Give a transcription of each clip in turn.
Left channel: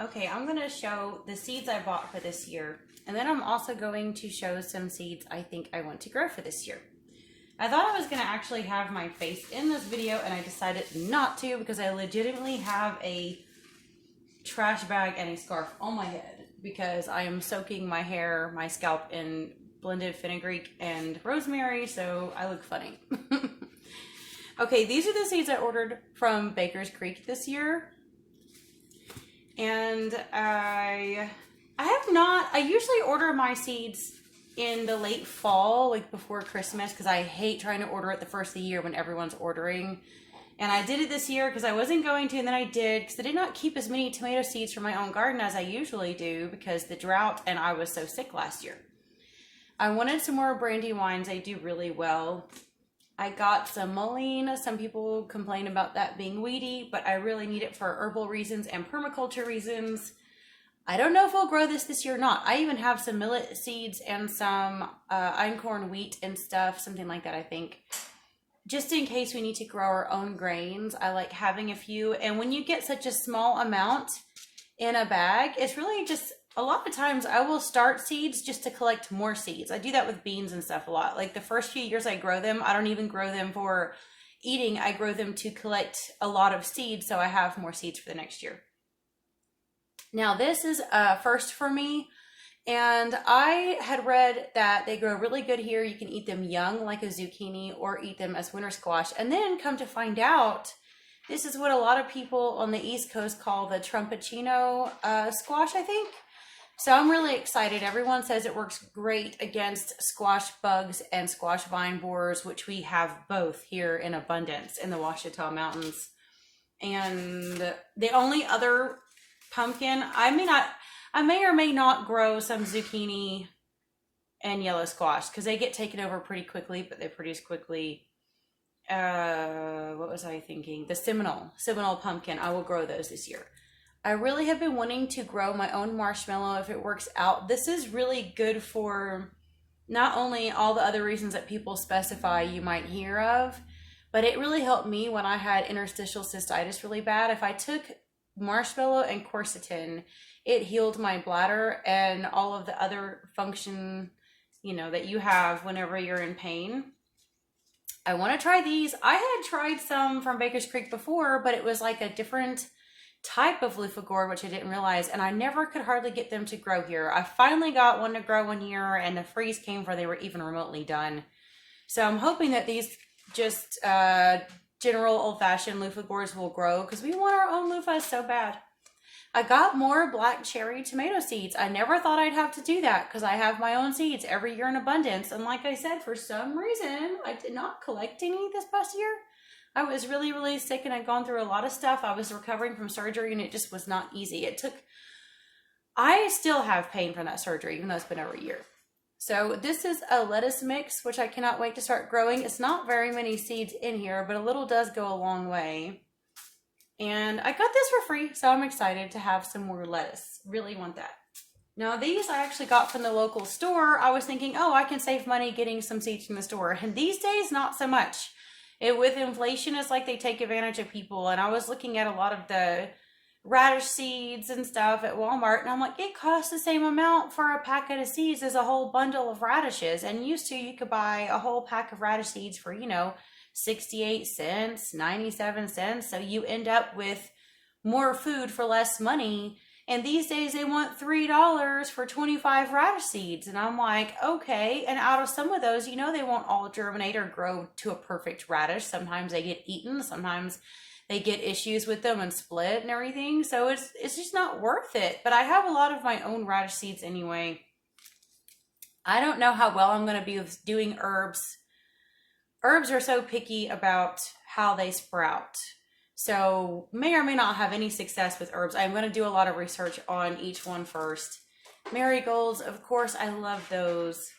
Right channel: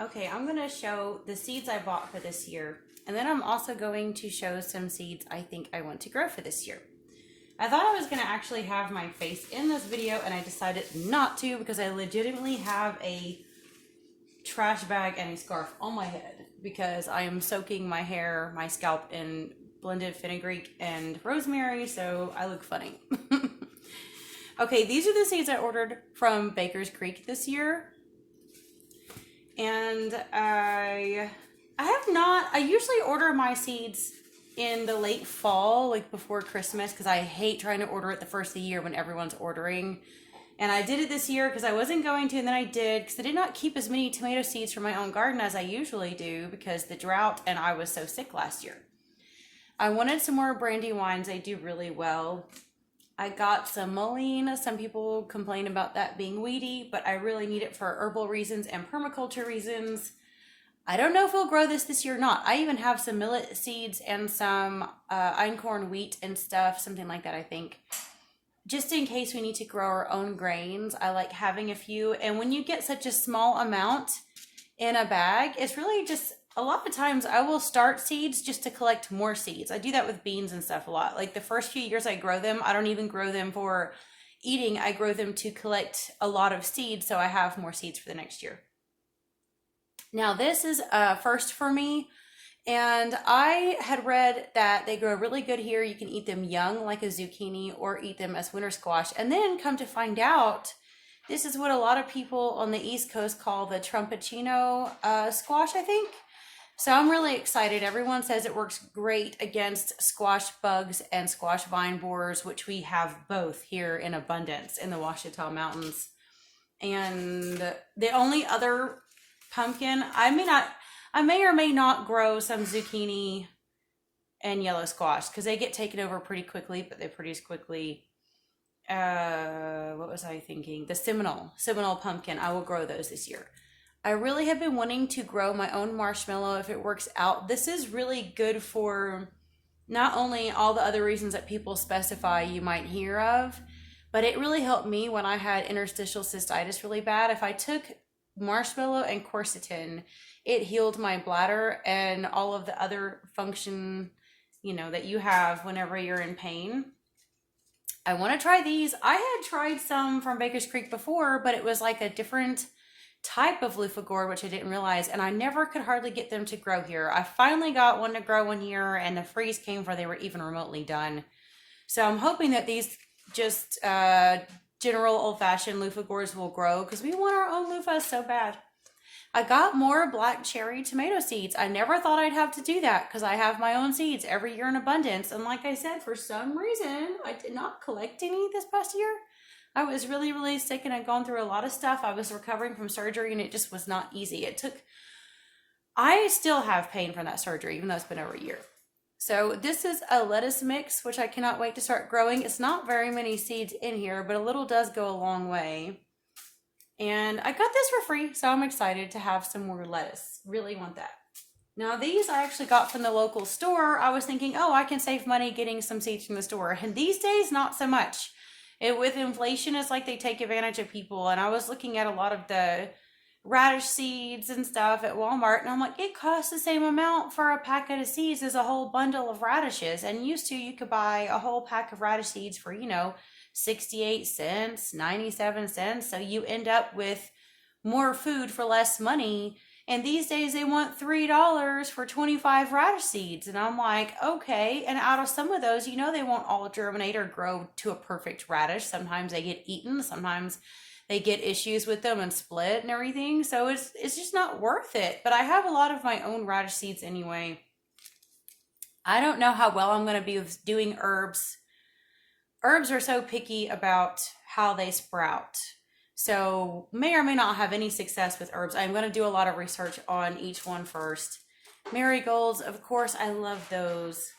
Okay, I'm going to show the seeds I bought for this year. And then I'm also going to show some seeds I think I want to grow for this year. I thought I was going to actually have my face in this video, and I decided not to because I legitimately have a trash bag and a scarf on my head because I am soaking my hair, my scalp in blended fenugreek and rosemary, so I look funny. Okay, these are the seeds I ordered from Baker's Creek this year. And I usually order my seeds in the late fall, like before Christmas, because I hate trying to order it the first of the year when everyone's ordering. And I did it this year because I wasn't going to, and then I did because I did not keep as many tomato seeds from my own garden as I usually do because the drought and I was so sick last year. I wanted some more brandy wines. They do really well. I got some mullein. Some people complain about that being weedy, but I really need it for herbal reasons and permaculture reasons. I don't know if we'll grow this year or not. I even have some millet seeds and some einkorn wheat and stuff, something like that, I think. Just in case we need to grow our own grains, I like having a few. And when you get such a small amount in a bag, it's really just, a lot of times I will start seeds just to collect more seeds. I do that with beans and stuff a lot. Like the first few years I grow them, I don't even grow them for eating. I grow them to collect a lot of seeds so I have more seeds for the next year. Now this is a first for me, and I had read that they grow really good here. You can eat them young like a zucchini or eat them as winter squash. And then come to find out, this is what a lot of people on the East Coast call the trumpetino squash, I think. So I'm really excited. Everyone says it works great against squash bugs and squash vine borers, which we have both here in abundance in the Ouachita Mountains. And the only other pumpkin, I may or may not grow some zucchini and yellow squash because they get taken over pretty quickly, but they produce quickly. What was I thinking? The Seminole pumpkin. I will grow those this year. I really have been wanting to grow my own marshmallow if it works out. This is really good for not only all the other reasons that people specify you might hear of, but it really helped me when I had interstitial cystitis really bad. If I took marshmallow and quercetin, it healed my bladder and all of the other function, that you have whenever you're in pain. I want to try these. I had tried some from Baker's Creek before, but it was like a different type of loofah gourd, which I didn't realize, and I never could hardly get them to grow here. I finally got one to grow one year, and the freeze came before they were even remotely done. So I'm hoping that these just general old-fashioned loofah gourds will grow because we want our own loofahs so bad. I got more black cherry tomato seeds. I never thought I'd have to do that because I have my own seeds every year in abundance. And like I said, for some reason, I did not collect any this past year. I was really, really sick and I'd gone through a lot of stuff. I was recovering from surgery and it just was not easy. I still have pain from that surgery, even though it's been over a year. So this is a lettuce mix, which I cannot wait to start growing. It's not very many seeds in here, but a little does go a long way. And I got this for free, so I'm excited to have some more lettuce. Really want that. Now these I actually got from the local store. I was thinking, oh, I can save money getting some seeds from the store. And these days, not so much. With inflation, it's like they take advantage of people. And I was looking at a lot of the radish seeds and stuff at Walmart, and I'm like, it costs the same amount for a packet of seeds as a whole bundle of radishes. And used to, you could buy a whole pack of radish seeds for, 68 cents, 97 cents. So you end up with more food for less money. And these days they want $3 for 25 radish seeds. And I'm like, okay. And out of some of those, they won't all germinate or grow to a perfect radish. Sometimes they get eaten. Sometimes they get issues with them and split and everything. So it's just not worth it. But I have a lot of my own radish seeds anyway. I don't know how well I'm going to be with doing herbs. Herbs are so picky about how they sprout. So may or may not have any success with herbs. I'm going to do a lot of research on each one first. Marigolds, of course, I love those.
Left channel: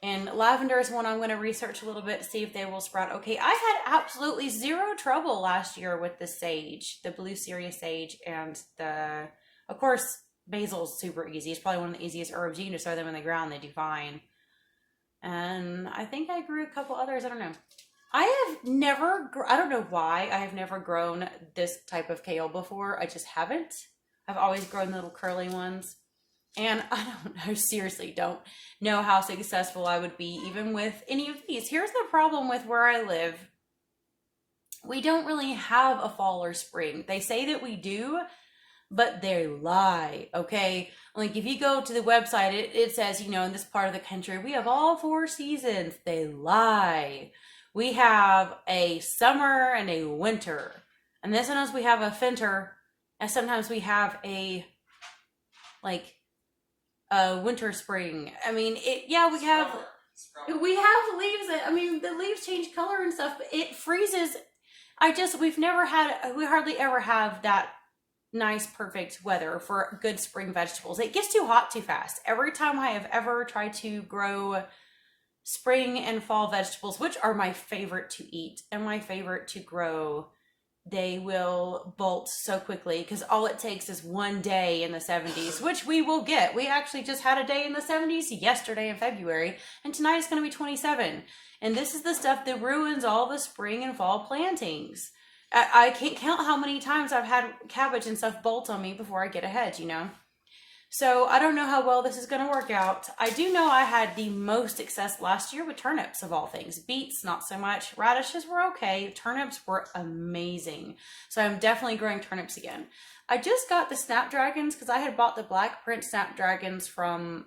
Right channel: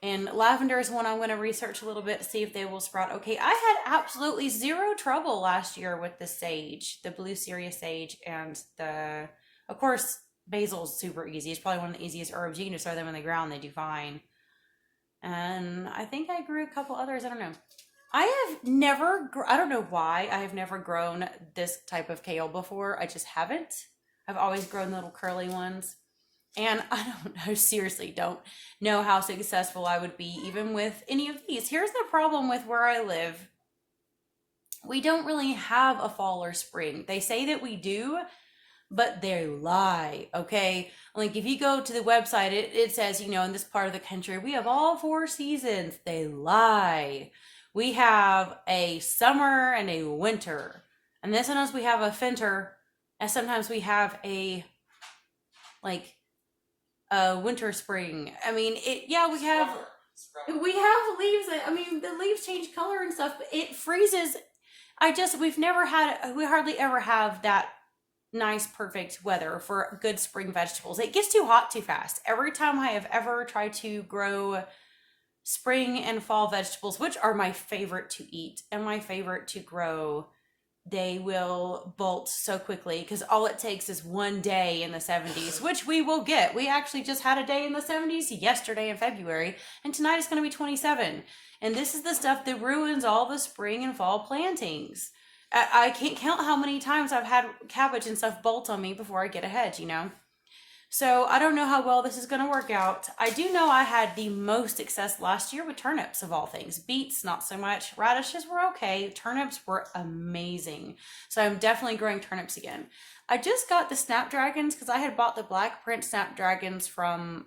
And lavender is one I'm going to research a little bit to see if they will sprout. Okay, I had absolutely zero trouble last year with the sage, the blue Syria sage, and of course, basil's super easy. It's probably one of the easiest herbs. You can just throw them in the ground, they do fine. And I think I grew a couple others, I don't know. I don't know why I have never grown this type of kale before. I just haven't. I've always grown little curly ones. And I don't know, seriously, don't know how successful I would be even with any of these. Here's the problem with where I live. We don't really have a fall or spring. They say that we do, but they lie, okay? Like if you go to the website, it says, in this part of the country, we have all four seasons. They lie. We have a summer and a winter. And then sometimes we have a winter, and sometimes we have a like a winter spring. I mean, we have leaves that, the leaves change color and stuff, but it freezes. We hardly ever have that nice, perfect weather for good spring vegetables. It gets too hot too fast. Every time I have ever tried to grow spring and fall vegetables, which are my favorite to eat and my favorite to grow, they will bolt so quickly because all it takes is one day in the 70s, which we will get. We actually just had a day in the 70s yesterday in February, and tonight it's going to be 27. And this is the stuff that ruins all the spring and fall plantings. I can't count how many times I've had cabbage and stuff bolt on me before I get a hedge. So I don't know how well this is going to work out. I do know I had the most success last year with turnips of all things. Beets, not so much. Radishes were okay. Turnips were amazing. So I'm definitely growing turnips again. I just got the snapdragons because I had bought the black print snapdragons from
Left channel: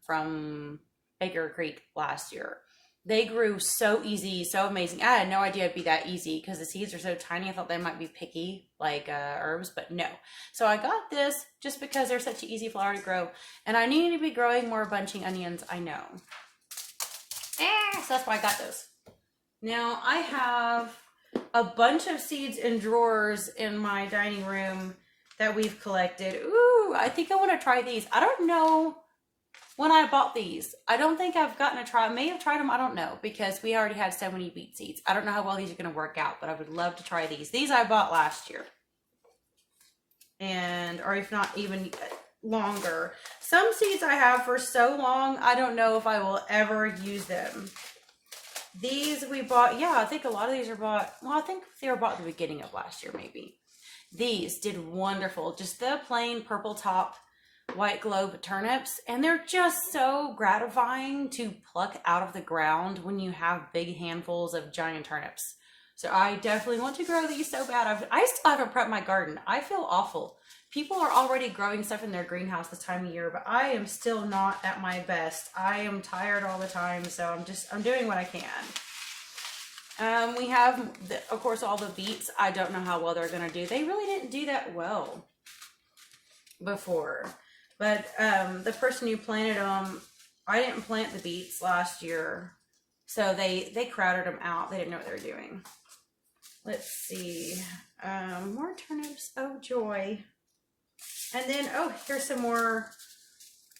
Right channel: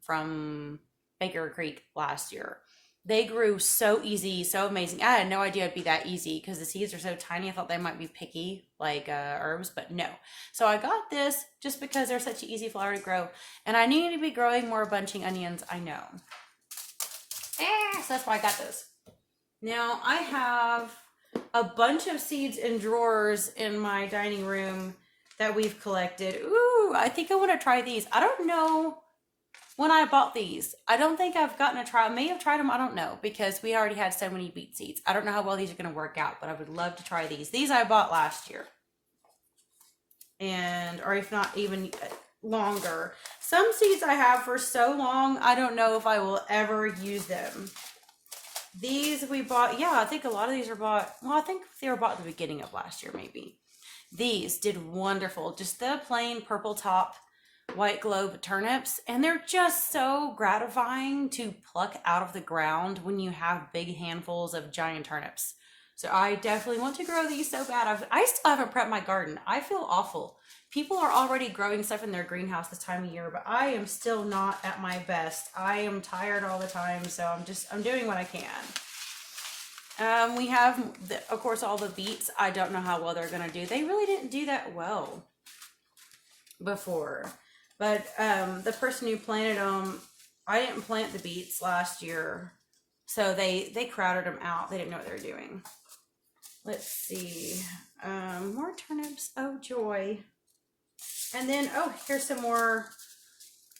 from Baker Creek last year. They grew so easy, so amazing. I had no idea it'd be that easy because the seeds are so tiny. I thought they might be picky, like herbs, but no. So I got this just because they're such an easy flower to grow. And I need to be growing more bunching onions, I know. So that's why I got those. Now I have a bunch of seeds in drawers in my dining room that we've collected. Ooh, I think I want to try these. I don't know when I bought these. I don't think I've gotten to try. I may have tried them. I don't know because we already had so many beet seeds. I don't know how well these are going to work out, but I would love to try these. These I bought last year. Or if not even longer. Some seeds I have for so long, I don't know if I will ever use them. These we bought. Yeah, I think a lot of these are bought. Well, I think they were bought at the beginning of last year, maybe. These did wonderful. Just the plain purple top white globe turnips, and they're just so gratifying to pluck out of the ground when you have big handfuls of giant turnips. So I definitely want to grow these so bad. I still haven't prepped my garden. I feel awful. People are already growing stuff in their greenhouse this time of year, but I am still not at my best. I am tired all the time, so I'm doing what I can. We have, of course, all the beets. I don't know how well they're going to do. They really didn't do that well before. But the person who planted them, I didn't plant the beets last year. So they crowded them out. They didn't know what they were doing. Let's see. More turnips. Oh, joy. And then, here's some more.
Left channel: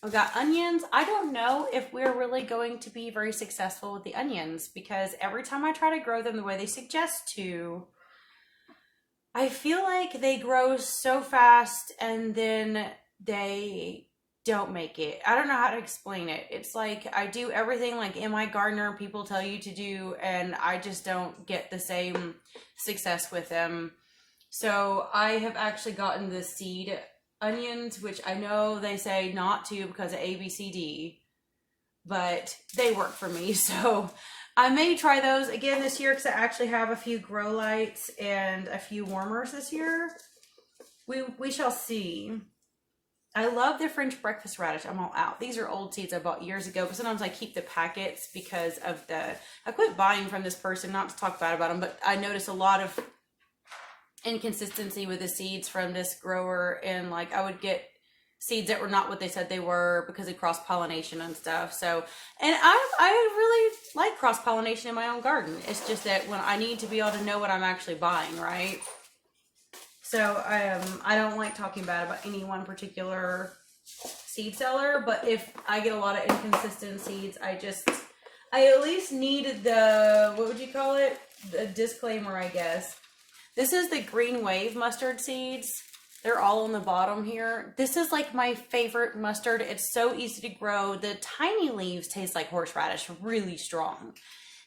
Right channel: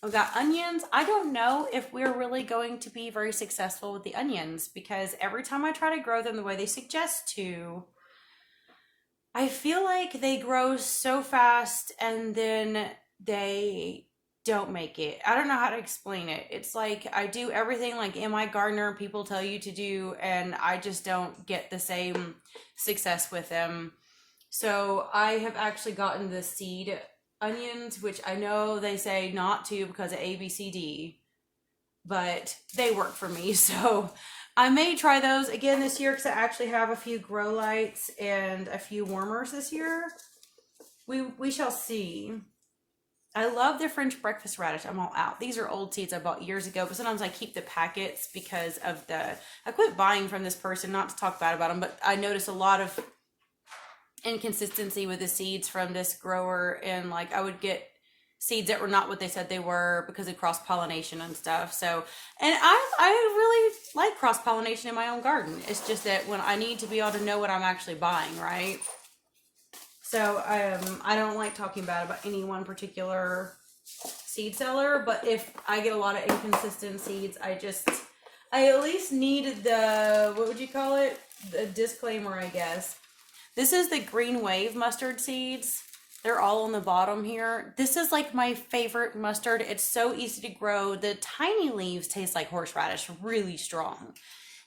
I've got onions. I don't know if we're really going to be very successful with the onions because every time I try to grow them the way they suggest to, I feel like they grow so fast and then they don't make it. I don't know how to explain it. It's like I do everything like Am I Gardener people tell you to do, and I just don't get the same success with them. So I have actually gotten the seed onions, which I know they say not to because of ABCD, but they work for me. So I may try those again this year because I actually have a few grow lights and a few warmers this year. We shall see. I love the French breakfast radish. I'm all out. These are old seeds I bought years ago, but sometimes I keep the packets because of I quit buying from this person, not to talk bad about them, but I noticed a lot of inconsistency with the seeds from this grower, and like I would get seeds that were not what they said they were because of cross pollination and stuff. So, and I really like cross pollination in my own garden. It's just that when I need to be able to know what I'm actually buying, right? So I don't like talking bad about any one particular seed seller, but if I get a lot of inconsistent seeds, I at least need the, what would you call it? The disclaimer, I guess. This is the Green Wave mustard seeds. They're all on the bottom here. This is like my favorite mustard. It's so easy to grow. The tiny leaves taste like horseradish, really strong.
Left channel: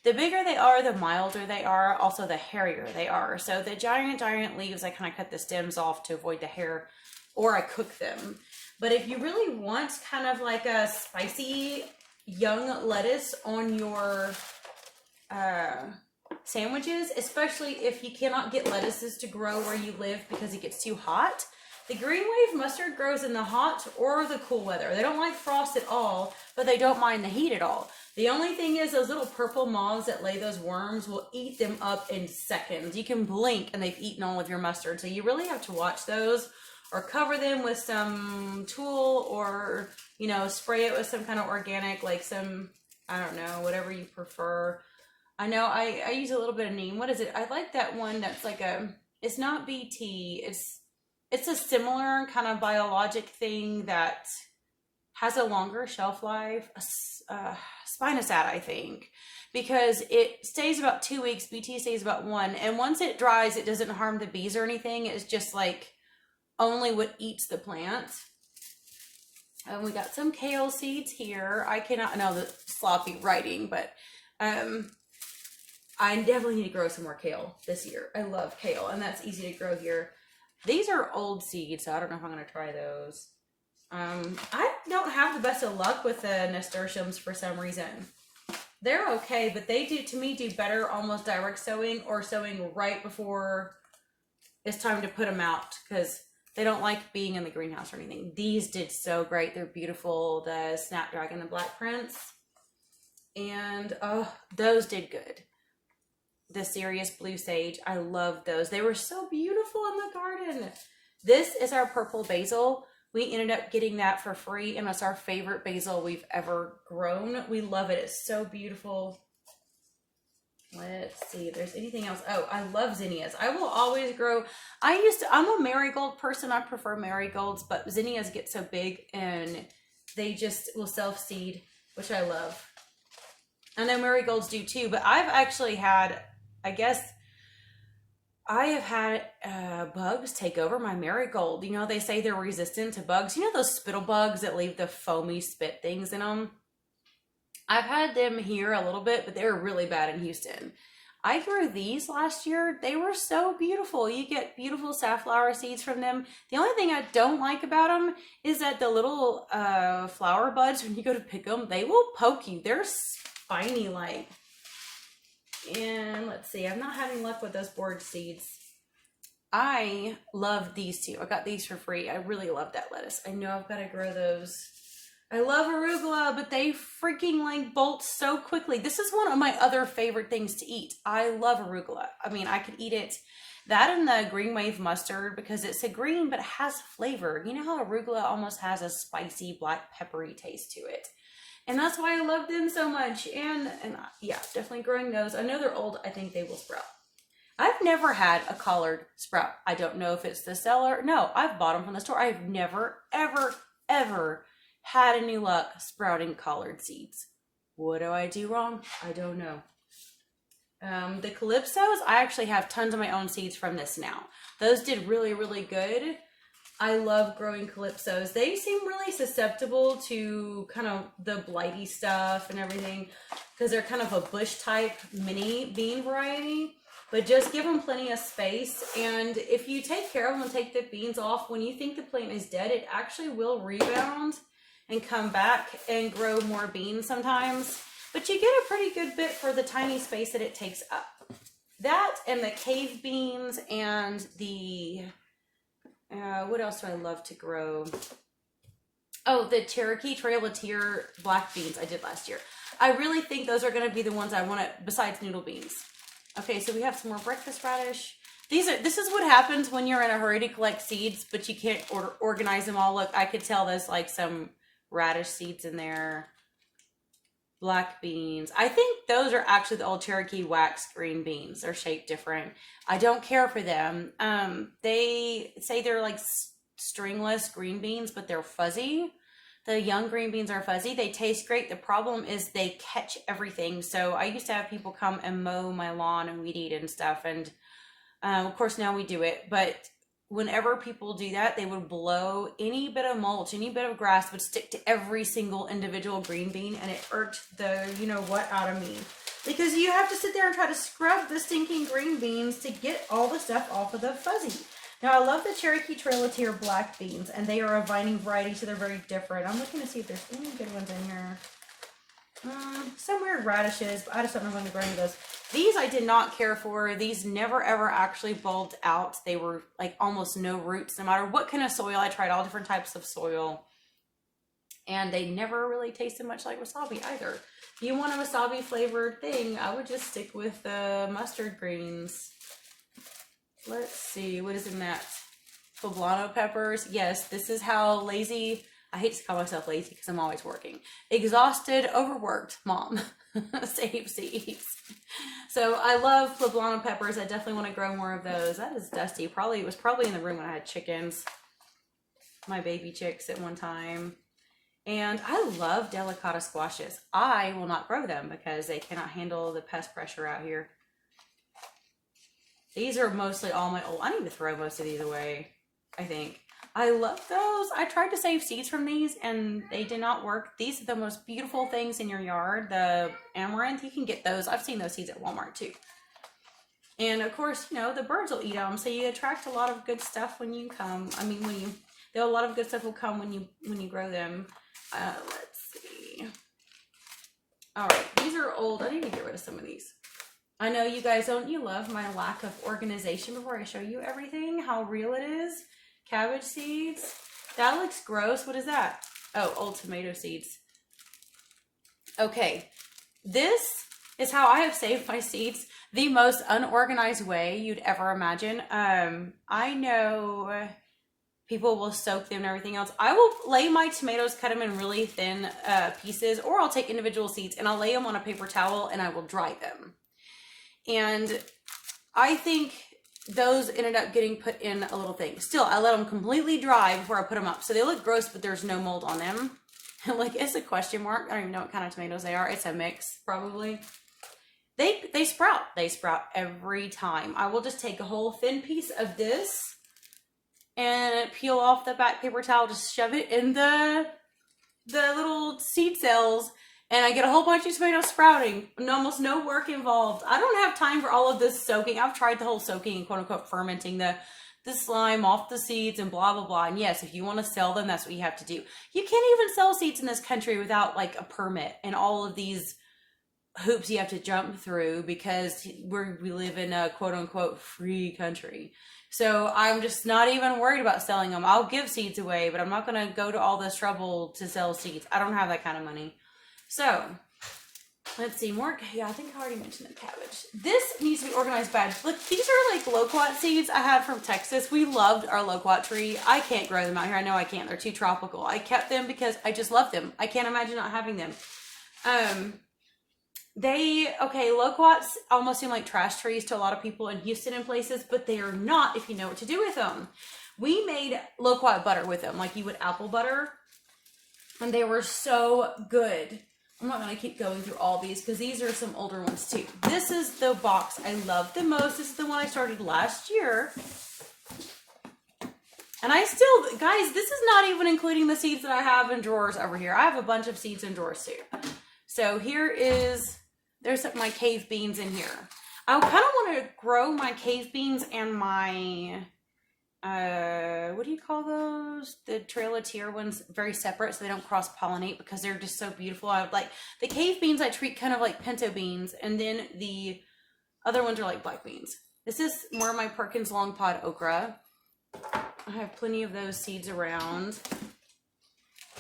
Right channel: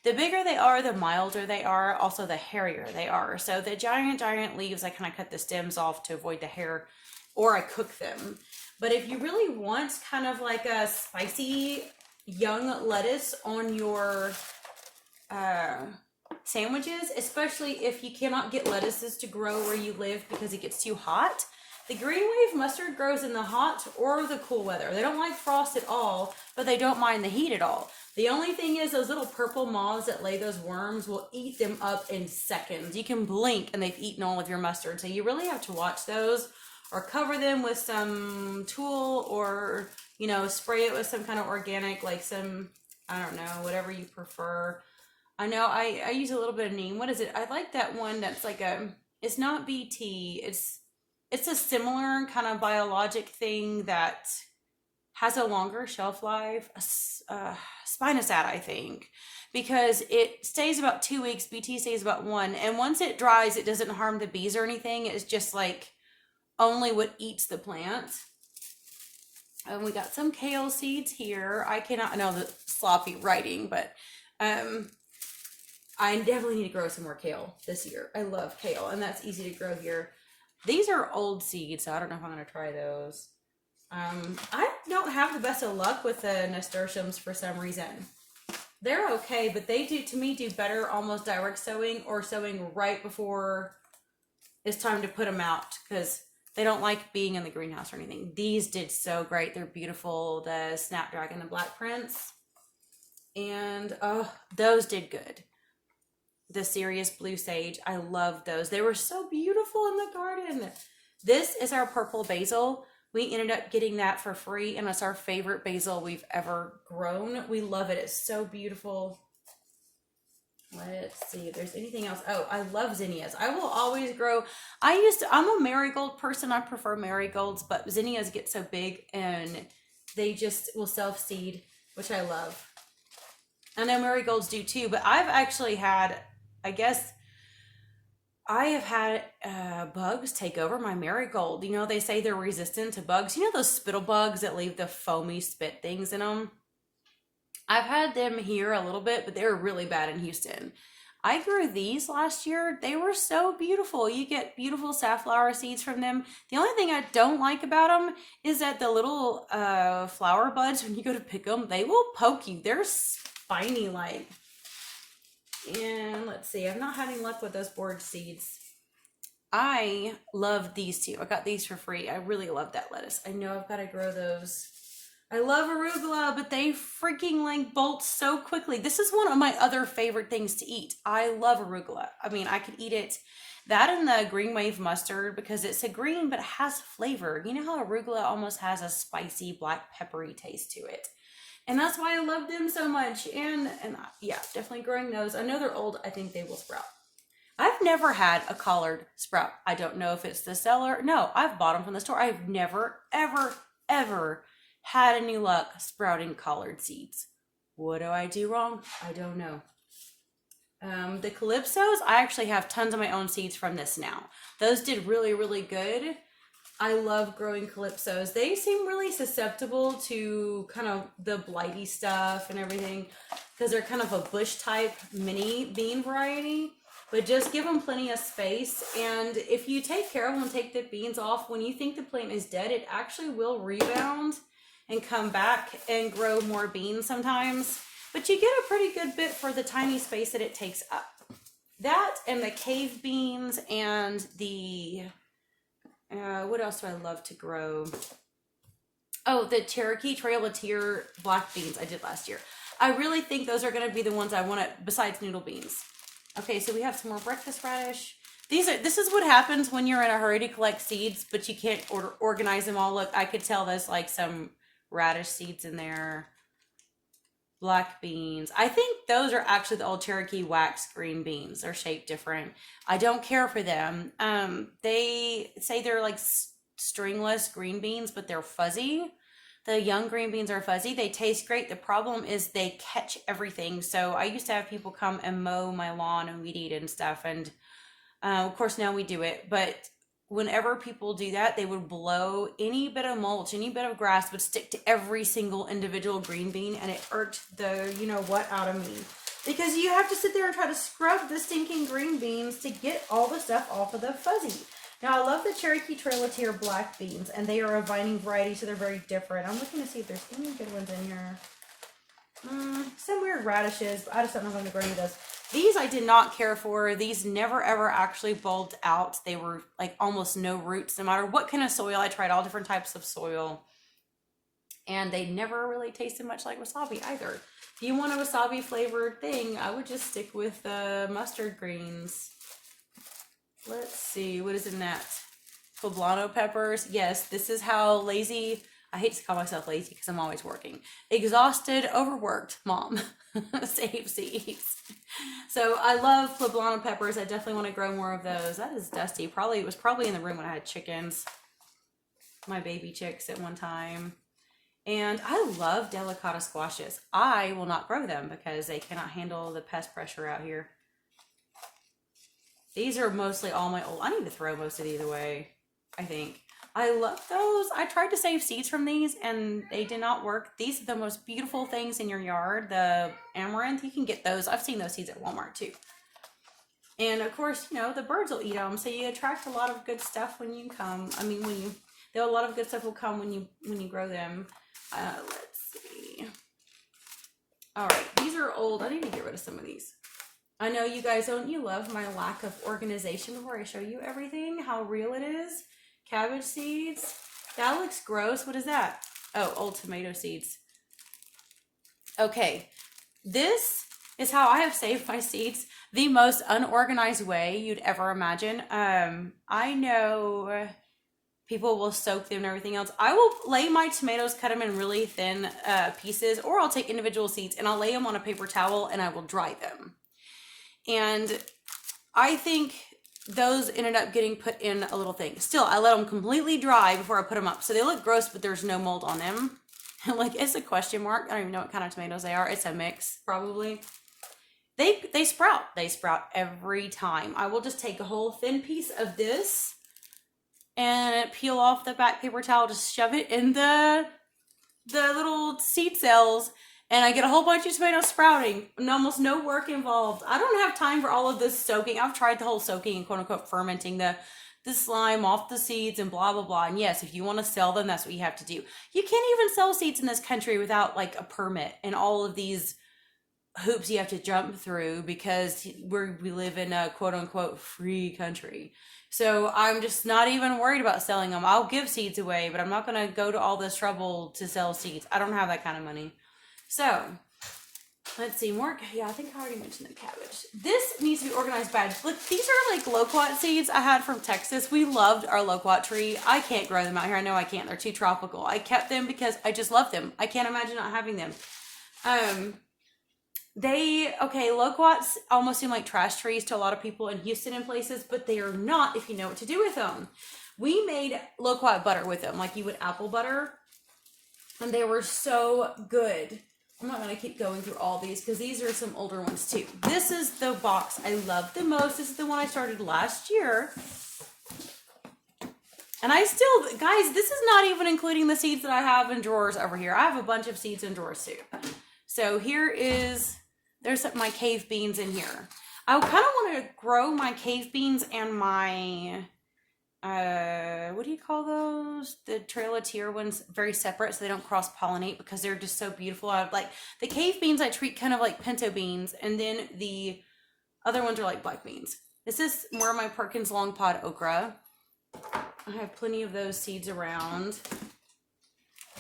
The bigger they are, the milder they are, also the hairier they are. So the giant leaves, I kind of cut the stems off to avoid the hair, or I cook them. But if you really want kind of like a spicy young lettuce on your uh, sandwiches, especially if you cannot get lettuces to grow where you live because it gets too hot. The green wave mustard grows in the hot or the cool weather. They don't like frost at all, but they don't mind the heat at all. The only thing is those little purple moths that lay those worms will eat them up in seconds. You can blink and they've eaten all of your mustard. So you really have to watch those or cover them with some tool or, you know, spray it with some kind of organic, like some, I don't know, whatever you prefer. I know I use a little bit of neem. What is it? I like that one that's like it's not BT. It's a similar kind of biologic thing that has a longer shelf life. Spinosad, I think, because it stays about 2 weeks. BT stays about one. And once it dries, it doesn't harm the bees or anything. It's just like only what eats the plant. And we got some kale seeds here. I cannot know the sloppy writing, but I definitely need to grow some more kale this year. I love kale, and that's easy to grow here. These are old seeds, so I don't know if I'm going to try those. I don't have the best of luck with the nasturtiums for some reason. They're okay, but they do, to me, do better almost direct sowing or sowing right before it's time to put them out because they don't like being in the greenhouse or anything. These did so great. They're beautiful. The Snapdragon, the Black Prince. And, oh, those did good. The Serious Blue Sage, I love those. They were so beautiful in the garden. This is our purple basil. We ended up getting that for free, and it's our favorite basil we've ever grown. We love it. It's so beautiful. Let's see if there's anything else. Oh, I love zinnias. I will always grow. I'm a marigold person. I prefer marigolds, but zinnias get so big and they just will self-seed, which I love. I know marigolds do too, but I've actually had, I guess, I have had bugs take over my marigold. You know, they say they're resistant to bugs. You know those spittle bugs that leave the foamy spit things in them? I've had them here a little bit, but they're really bad in Houston. I grew these last year. They were so beautiful. You get beautiful safflower seeds from them. The only thing I don't like about them is that the little flower buds, when you go to pick them, they will poke you. They're spiny like. And let's see, I'm not having luck with those board seeds. I love these two. I got these for free. I really love that lettuce. I know I've got to grow those. I love arugula, but they freaking like bolt so quickly. This is one of my other favorite things to eat. I love arugula. I mean, I could eat it. That and the green wave mustard because it's a green, but it has flavor. You know how arugula almost has a spicy black peppery taste to it. And that's why I love them so much. And yeah, definitely growing those. I know they're old. I think they will sprout. I've never had a collard sprout. I don't know if it's the seller. No, I've bought them from the store. I've never, ever, ever had any luck sprouting collard seeds. What do I do wrong? I don't know. The Calypsos, I actually have tons of my own seeds from this now. Those did really, really good. I love growing Calypsos. They seem really susceptible to kind of the blighty stuff and everything because they're kind of a bush type mini bean variety. But just give them plenty of space. And if you take care of them and take the beans off, when you think the plant is dead, it actually will rebound and come back and grow more beans sometimes. But you get a pretty good bit for the tiny space that it takes up. That and the cave beans and the... what else do I love to grow? Oh, the Cherokee Trail of Tear black beans I did last year. I really think those are going to be the ones I want to, besides noodle beans. Okay, so we have some more breakfast radish. This is what happens when you're in a hurry to collect seeds, but you can't organize them all. Look, I could tell there's like some radish seeds in there. Black beans. I think those are actually the old Cherokee wax green beans. They're shaped different. I don't care for them. They say they're like stringless green beans, but they're fuzzy. The young green beans are fuzzy. They taste great. The problem is they catch everything. So I used to have people come and mow my lawn and weed eat and stuff. And of course now we do it. But whenever people do that, they would blow any bit of mulch, any bit of grass would stick to every single individual green bean, and it irked the you know what out of me. Because you have to sit there and try to scrub the stinking green beans to get all the stuff off of the fuzzy. Now, I love the Cherokee Trail of Tear black beans, and they are a vining variety, so they're very different. I'm looking to see if there's any good ones in here. Some weird radishes, but I just don't know if I'm going to grow any of those. These I did not care for. These never ever actually bulbed out. They were like almost no roots, no matter what kind of soil. I tried all different types of soil, and they never really tasted much like wasabi either. If you want a wasabi flavored thing, I would just stick with the mustard greens. Let's see, what is in that? Poblano peppers. Yes, this is how lazy, I hate to call myself lazy because I'm always working. Exhausted, overworked mom save seeds. So I love poblano peppers. I definitely want to grow more of those. That is dusty. It was probably in the room when I had chickens. My baby chicks at one time. And I love delicata squashes. I will not grow them because they cannot handle the pest pressure out here. These are mostly all my old, I need to throw most of these away, I think. I love those. I tried to save seeds from these and they did not work. These are the most beautiful things in your yard. The amaranth, you can get those. I've seen those seeds at Walmart too. And of course, you know, the birds will eat them. So you attract a lot of good stuff when you come. I mean, a lot of good stuff will come when you grow them. Let's see. All right, these are old. I need to get rid of some of these. I know you guys you love my lack of organization before I show you everything, how real it is. Cabbage seeds. That looks gross. What is that? Oh, old tomato seeds. Okay, this is how I have saved my seeds the most unorganized way you'd ever imagine. I know people will soak them and everything else. I will lay my tomatoes, cut them in really thin pieces, or I'll take individual seeds and I'll lay them on a paper towel and I will dry them. And I think those ended up getting put in a little thing. Still, I let them completely dry before I put them up. So they look gross, but there's no mold on them. Like, it's a question mark. I don't even know what kind of tomatoes they are. It's a mix, probably. They sprout. They sprout every time. I will just take a whole thin piece of this and peel off the back paper towel, just shove it in the little seed cells, and I get a whole bunch of tomatoes sprouting, and almost no work involved. I don't have time for all of this soaking. I've tried the whole soaking and quote-unquote fermenting the slime off the seeds and blah, blah, blah. And yes, if you want to sell them, that's what you have to do. You can't even sell seeds in this country without, like, a permit and all of these hoops you have to jump through because we live in a quote-unquote free country. So I'm just not even worried about selling them. I'll give seeds away, but I'm not going to go to all this trouble to sell seeds. I don't have that kind of money. So, let's see, more, yeah, I think I already mentioned the cabbage. This needs to be organized bad. Look, these are like loquat seeds I had from Texas. We loved our loquat tree. I can't grow them out here. I know I can't. They're too tropical. I kept them because I just love them. I can't imagine not having them. Loquats almost seem like trash trees to a lot of people in Houston and places, but they are not if you know what to do with them. We made loquat butter with them, like you would apple butter, and they were so good. I'm not going to keep going through all these because these are some older ones too. This is the box I love the most. This is the one I started last year. And I still, guys, this is not even including the seeds that I have in drawers over here. I have a bunch of seeds in drawers too. So there's my cave beans in here. I kind of want to grow my cave beans and my, what do you call those? The Trail of Tear ones very separate so they don't cross-pollinate because they're just so beautiful. I like the cave beans I treat kind of like pinto beans, and then the other ones are like black beans. This is more of my Perkins long pod okra. I have plenty of those seeds around.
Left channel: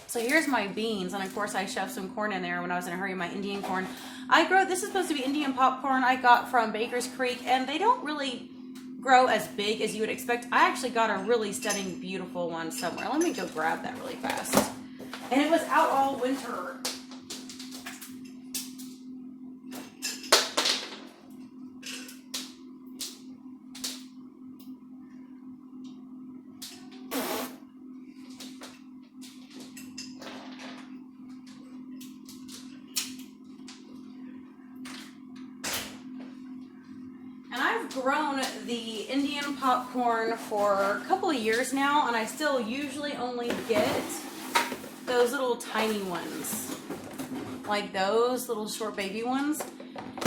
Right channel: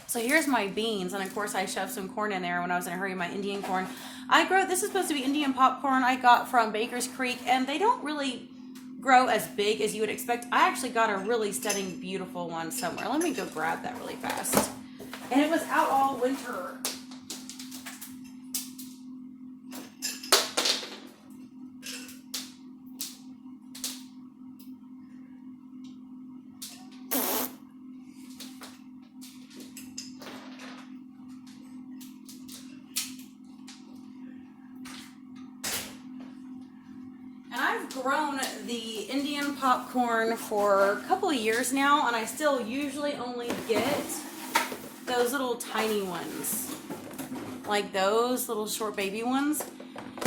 So here's my beans, and of course I shoved some corn in there when I was in a hurry, my Indian corn. This is supposed to be Indian popcorn I got from Baker's Creek, and they don't really grow as big as you would expect. I actually got a really stunning, beautiful one somewhere. Let me go grab that really fast. And it was out all winter. grown the Indian popcorn for a couple of years now, and I still usually only get those little tiny ones. Like those little short baby ones.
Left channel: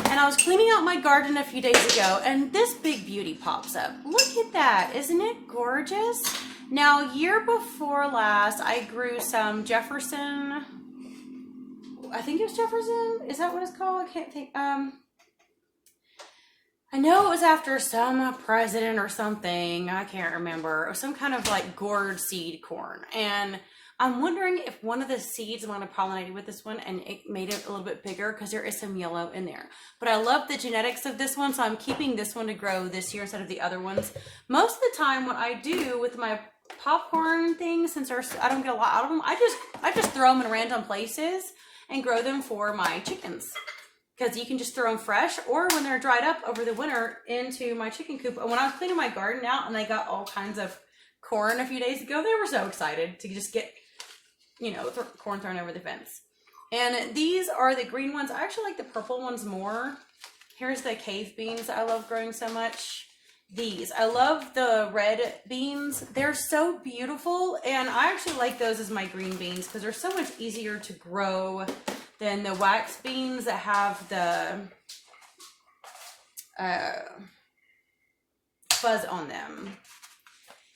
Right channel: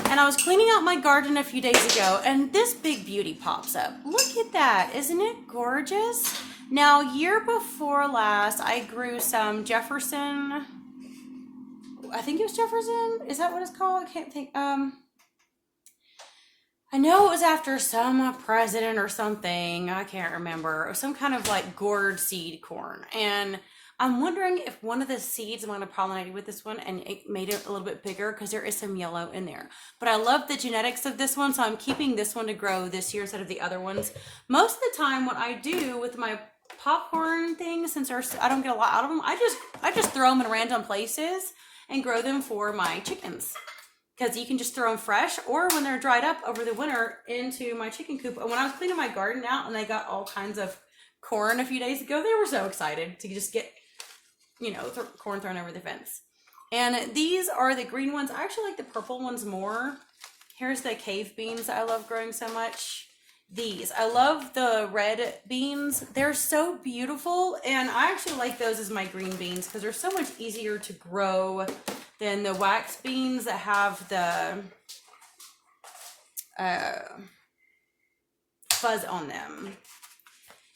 And I was cleaning out my garden a few days ago, and this big beauty pops up. Look at that. Isn't it gorgeous? Now, year before last, I grew some Jefferson. I think it was Jefferson. Is that what it's called? I can't think. I know it was after some president or something. I can't remember. Or some kind of like gourd seed corn. And I'm wondering if one of the seeds might have pollinated with this one and it made it a little bit bigger because there is some yellow in there. But I love the genetics of this one, so I'm keeping this one to grow this year instead of the other ones. Most of the time, what I do with my popcorn things, since I don't get a lot out of them, I just throw them in random places and grow them for my chickens. Because you can just throw them fresh or when they're dried up over the winter into my chicken coop. And when I was cleaning my garden out and I got all kinds of corn a few days ago, they were so excited to just get, corn thrown over the fence. And these are the green ones. I actually like the purple ones more. Here's the cave beans I love growing so much. These. I love the red beans. They're so beautiful. And I actually like those as my green beans because they're so much easier to grow than the wax beans that have the fuzz on them.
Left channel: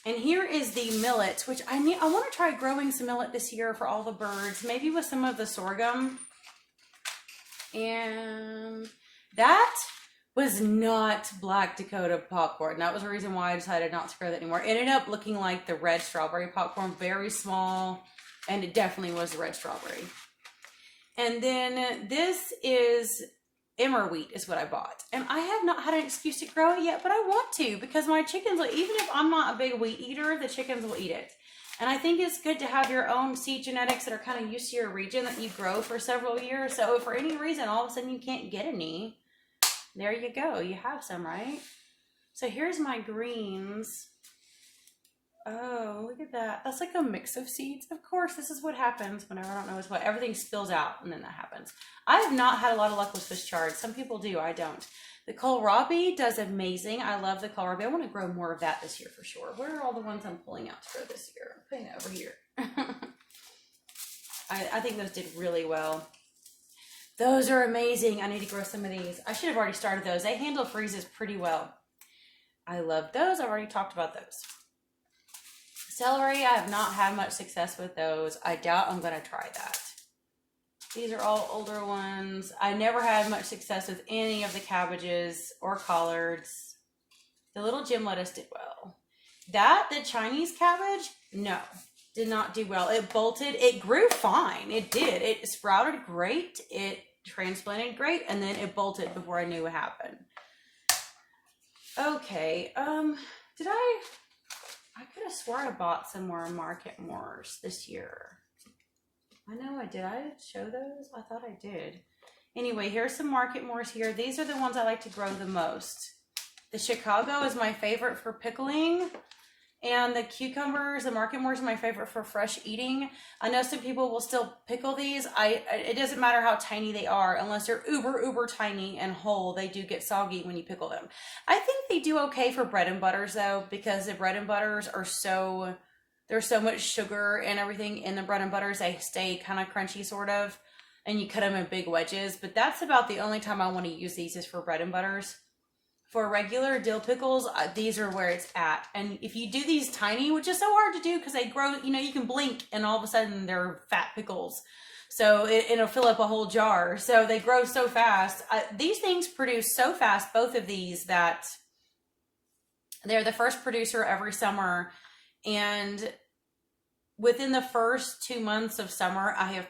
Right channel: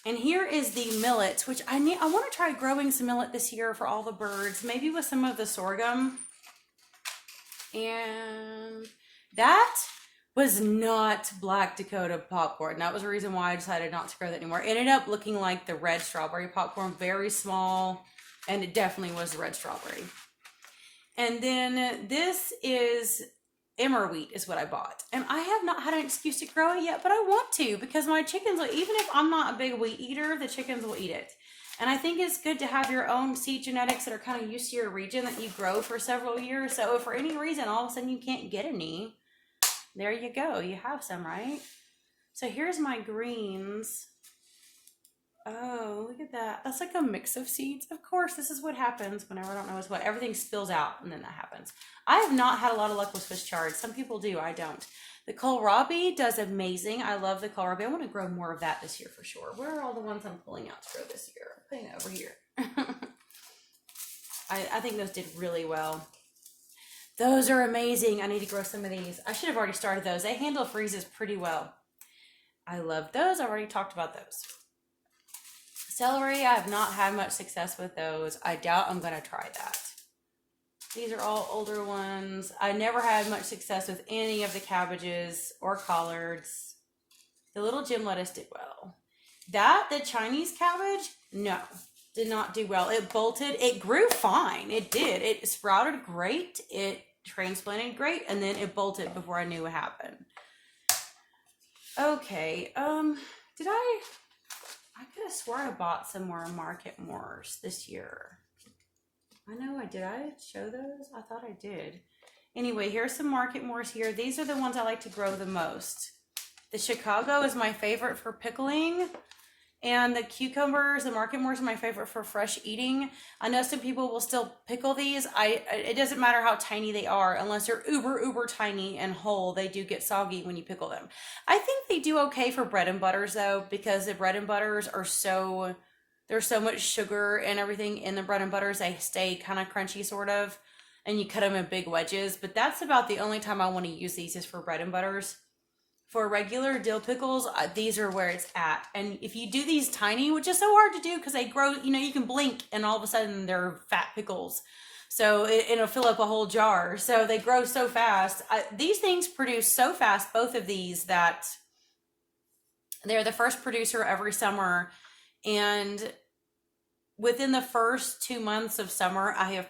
And here is the millet, which I want to try growing some millet this year for all the birds, maybe with some of the sorghum. And that was not Black Dakota popcorn. That was the reason why I decided not to grow that anymore. It ended up looking like the red strawberry popcorn, very small, and it definitely was the red strawberry. And then this is emmer wheat is what I bought. And I have not had an excuse to grow it yet, but I want to because my chickens, even if I'm not a big wheat eater, the chickens will eat it. And I think it's good to have your own seed genetics that are kind of used to your region that you grow for several years. So if for any reason all of a sudden you can't get any, there you go. You have some, right? So here's my greens. Oh, look at that. That's like a mix of seeds. Of course, this is what happens whenever I don't know what's what. Everything spills out and then that happens. I have not had a lot of luck with Swiss chard. Some people do. I don't. The kohlrabi does amazing. I love the kohlrabi. I want to grow more of that this year for sure. Where are all the ones I'm pulling out to grow this year? I'm putting it over here. I think those did really well. Those are amazing. I need to grow some of these. I should have already started those. They handle freezes pretty well. I love those. I've already talked about those. Celery, I have not had much success with those. I doubt I'm going to try that. These are all older ones. I never had much success with any of the cabbages or collards. The little gym lettuce did well. The Chinese cabbage, no, did not do well. It bolted. It grew fine. It did. It sprouted great. It transplanted great. And then it bolted before I knew what happened. Okay. I could have sworn I bought some more Market Moors this year. I know I did. I show those? I thought I did. Anyway, here's some Market Moors here. These are the ones I like to grow the most. The Chicago is my favorite for pickling. And the cucumbers, the Market Moors are my favorite for fresh eating. I know some people will still pickle these. It doesn't matter how tiny they are. Unless they're uber tiny and whole, they do get soggy when you pickle them. I think they do okay for bread and butters though, because the bread and butters are there's so much sugar and everything in the bread and butters. They stay kind of crunchy sort of. And you cut them in big wedges. But that's about the only time I want to use these is for bread and butters. For regular dill pickles, these are where it's at. And if you do these tiny, which is so hard to do because they grow, you can blink and all of a sudden they're fat pickles. So it'll fill up a whole jar. So they grow so fast. These things produce so fast, both of these, that they're the first producer every summer. And within the first 2 months of summer, I have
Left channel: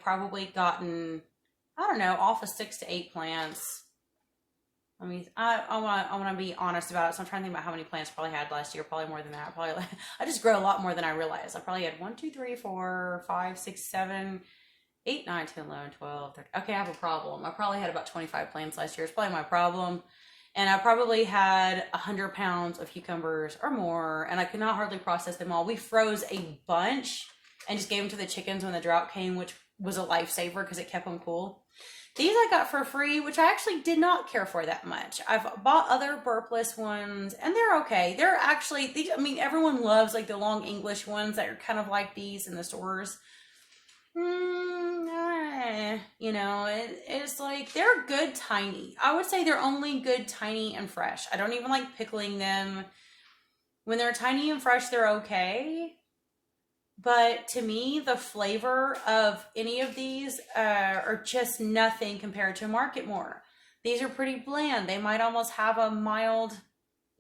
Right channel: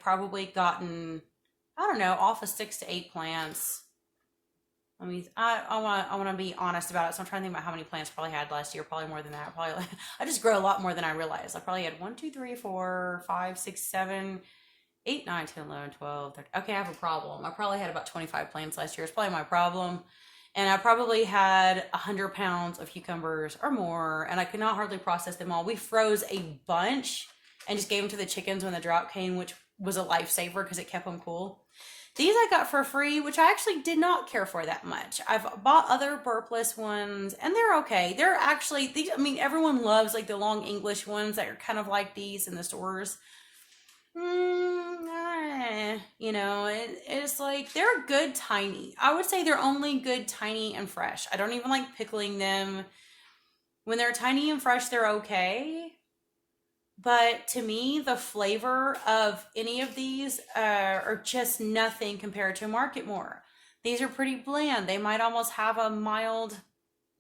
gotten, off of 6 to 8 plants. I want to be honest about it. So I'm trying to think about how many plants I probably had last year. Probably more than that. I just grow a lot more than I realized. I probably had 1, 2, 3, 4, 5, 6, 7, 8, 9, 10, 11, 12, 13. Okay, I have a problem. I probably had about 25 plants last year. It's probably my problem. And I probably had 100 pounds of cucumbers or more. And I could not hardly process them all. We froze a bunch and just gave them to the chickens when the drought came, which was a lifesaver because it kept them cool. These I got for free, which I actually did not care for that much. I've bought other burpless ones, and they're okay. They're actually these. I mean, everyone loves like the long English ones that are kind of like these in the stores. It's like they're good tiny. I would say they're only good tiny and fresh. I don't even like pickling them. When they're tiny and fresh, they're okay. But to me, the flavor of any of these are just nothing compared to Market More. These are pretty bland. They might almost have a mild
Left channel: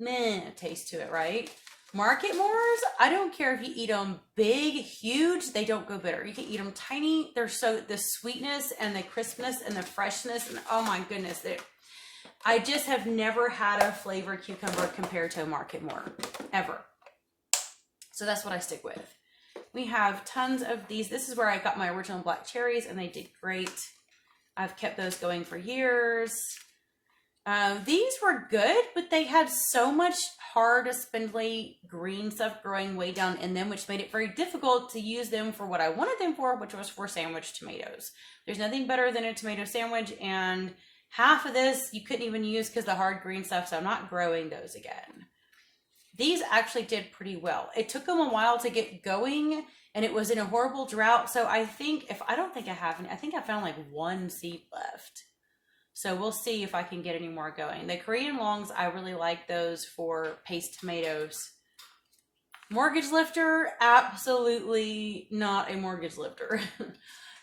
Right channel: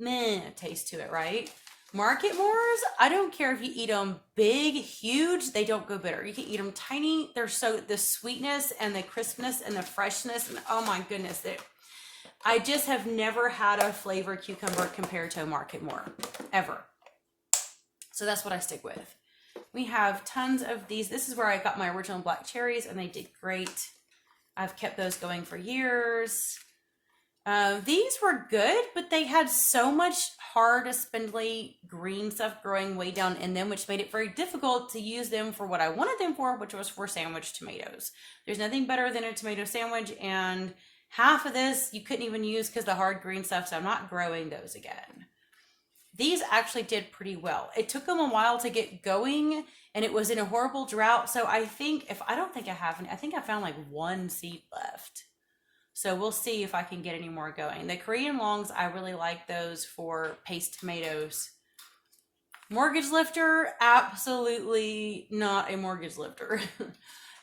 meh taste to it, right? Market Moors, I don't care if you eat them big, huge, they don't go bitter. You can eat them tiny. They're so, the sweetness and the crispness and the freshness, and oh my goodness, I just have never had a flavor cucumber compared to a Market More, ever. So that's what I stick with. We have tons of these. This is where I got my original black cherries, and they did great. I've kept those going for years. These were good, but they had so much hard, spindly green stuff growing way down in them, which made it very difficult to use them for what I wanted them for, which was for sandwich tomatoes. There's nothing better than a tomato sandwich, and half of this you couldn't even use because the hard green stuff, so I'm not growing those again. These actually did pretty well. It took them a while to get going, and it was in a horrible drought, so I think, I don't think I have any, I think I found like one seed left. So we'll see if I can get any more going. The Korean longs, I really like those for paste tomatoes. Mortgage lifter, absolutely not a mortgage lifter.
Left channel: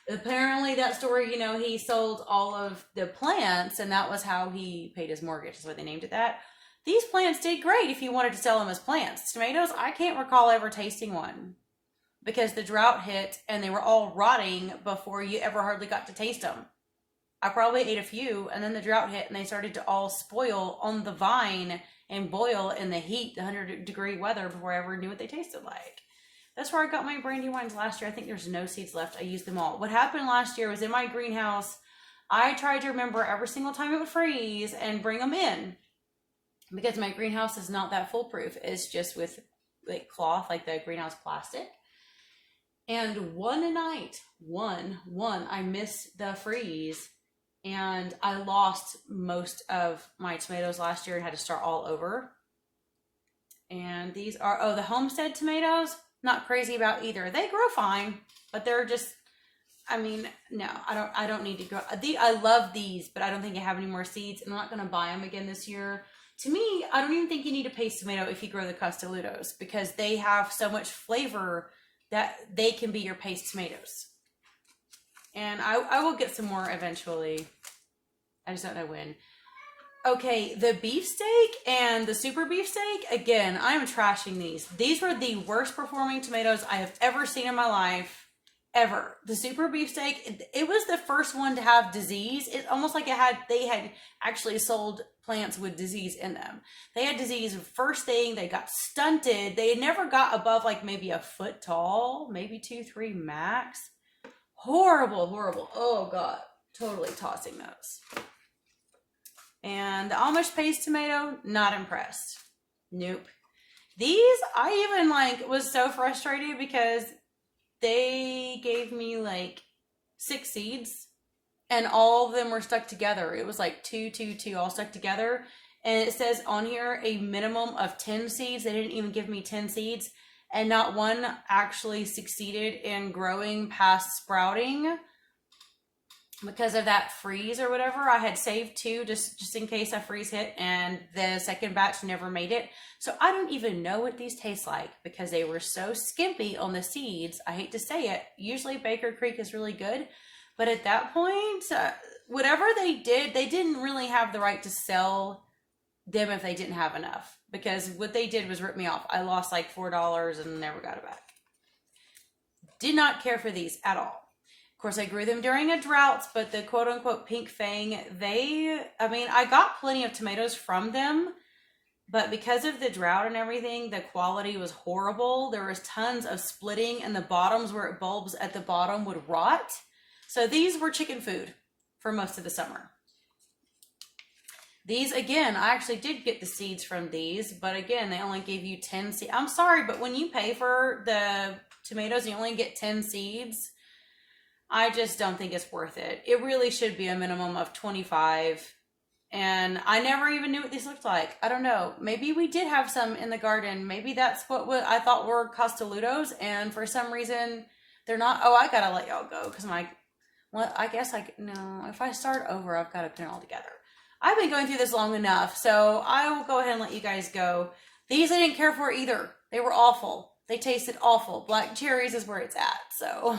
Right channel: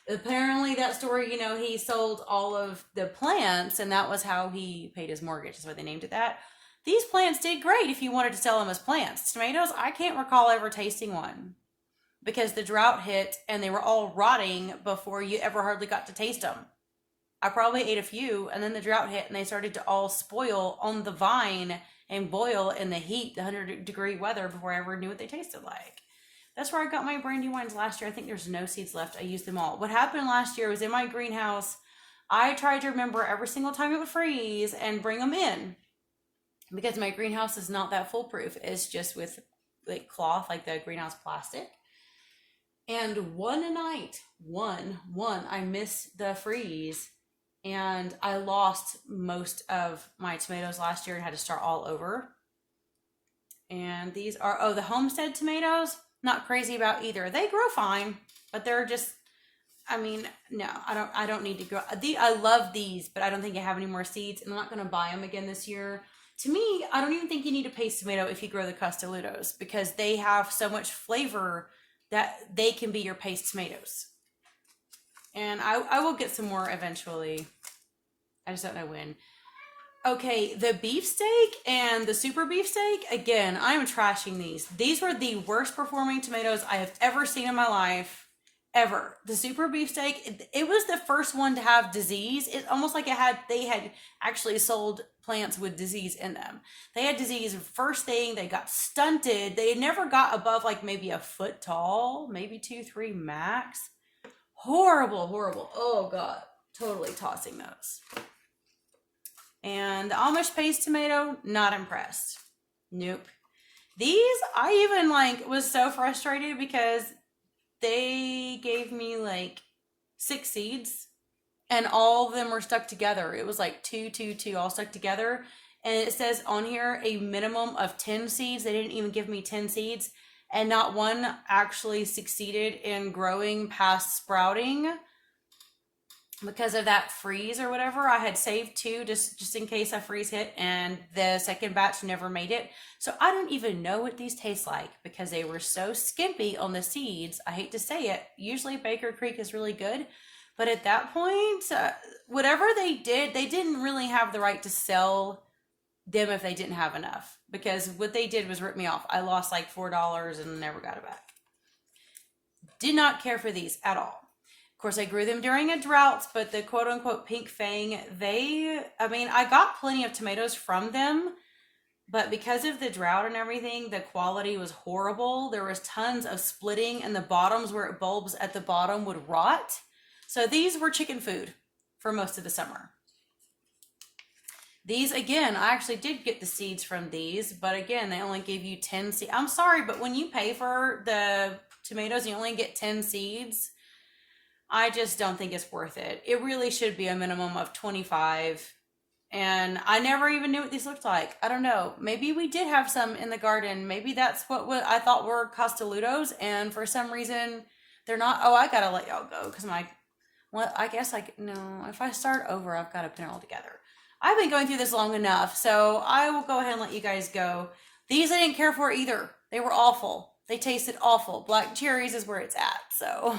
Apparently that story, he sold all of the plants, and that was how he paid his mortgage. That's why they named it that. These plants did great if you wanted to sell them as plants. Tomatoes, I can't recall ever tasting one because the drought hit and they were all rotting before you ever hardly got to taste them. I probably ate a few, and then the drought hit and they started to all spoil on the vine and boil in the heat, the 100-degree weather, before I ever knew what they tasted like. That's where I got my brandy wines last year. I think there's no seeds left. I used them all. What happened last year was in my greenhouse, I tried to remember every single time it would freeze and bring them in, because my greenhouse is not that foolproof. It's just with like cloth, like the greenhouse plastic. And one night, I missed the freeze, and I lost most of my tomatoes last year and had to start all over. And these are, the Homestead tomatoes, not crazy about either. They grow fine, but they're just, no, I don't need to grow. I love these, but I don't think I have any more seeds, and I'm not going to buy them again this year. To me, I don't even think you need a paste tomato if you grow the Casteludos, because they have so much flavor that they can be your paste tomatoes. And I will get some more eventually. I just don't know when. Okay, the beefsteak and the super beefsteak, again, I am trashing these. These were the worst performing tomatoes I have ever seen in my life. Ever. The super beefsteak, it was the first one to have disease. It's almost like they had actually sold plants with disease in them. They had disease first thing, they got stunted. They never got above like maybe a foot tall, maybe 2-3 max. Horrible. Oh God, totally tossing those. And the Amish paste tomato, not impressed. Nope. These, I even was so frustrated because they gave me 6 seeds and all of them were stuck together. It was 2, 2, 2 all stuck together. And it says on here a minimum of 10 seeds. They didn't even give me 10 seeds. And not one actually succeeded in growing past sprouting because of that freeze or whatever. I had saved 2 just in case a freeze hit, and the second batch never made it. So I don't even know what these taste like because they were so skimpy on the seeds. I hate to say it. Usually Baker Creek is really good, but at that point, whatever they did, they didn't really have the right to sell them if they didn't have enough, because what they did was rip me off. I lost $4 and never got it back. Did not care for these at all. Of course, I grew them during a drought, but the quote-unquote pink fang, I got plenty of tomatoes from them, but because of the drought and everything, the quality was horrible. There was tons of splitting, and the bottoms where it bulbs at the bottom would rot. So these were chicken food for most of the summer. These, again, I actually did get the seeds from these, but again, they only gave you 10 seeds. I'm sorry, but when you pay for the tomatoes, you only get 10 seeds. I just don't think it's worth it. It really should be a minimum of 25. And I never even knew what these looked like. I don't know. Maybe we did have some in the garden. Maybe that's what I thought were Castelludos, and for some reason they're not. Oh, I gotta let y'all go because my, well, I guess no. If I start over, I've got to pin it all together. I've been going through this long enough, so I will go ahead and let you guys go. These I didn't care for either. They were awful. They tasted awful. Black cherries is where it's at. So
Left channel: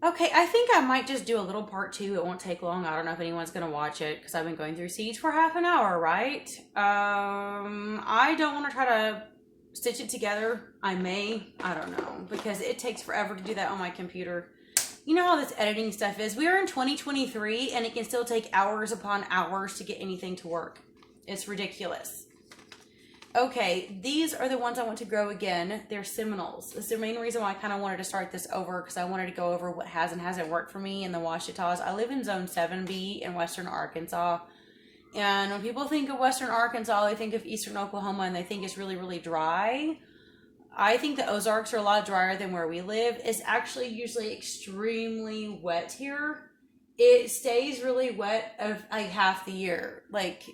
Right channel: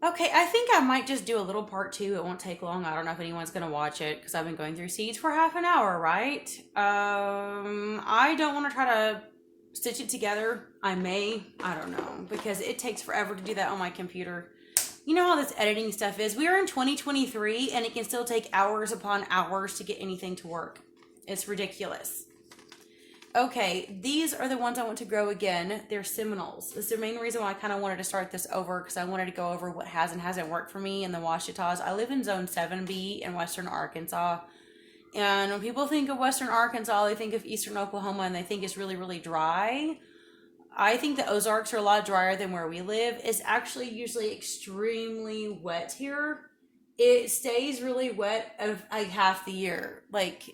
okay, I think I might just do a little part two. It won't take long. I don't know if anyone's gonna watch it because I've been going through seeds for half an hour, right? I don't want to try to stitch it together. I may, I don't know, because it takes forever to do that on my computer. You know how this editing stuff is. We are in 2023 and it can still take hours upon hours to get anything to work. It's ridiculous. Okay, these are the ones I want to grow again. They're Seminoles. That's the main reason why I kind of wanted to start this over, because I wanted to go over what has and hasn't worked for me in the Ouachitas. I live in Zone 7B in western Arkansas. And when people think of western Arkansas, they think of eastern Oklahoma and they think it's really, really dry. I think the Ozarks are a lot drier than where we live. It's actually usually extremely wet here. It stays really wet of like half the year. Like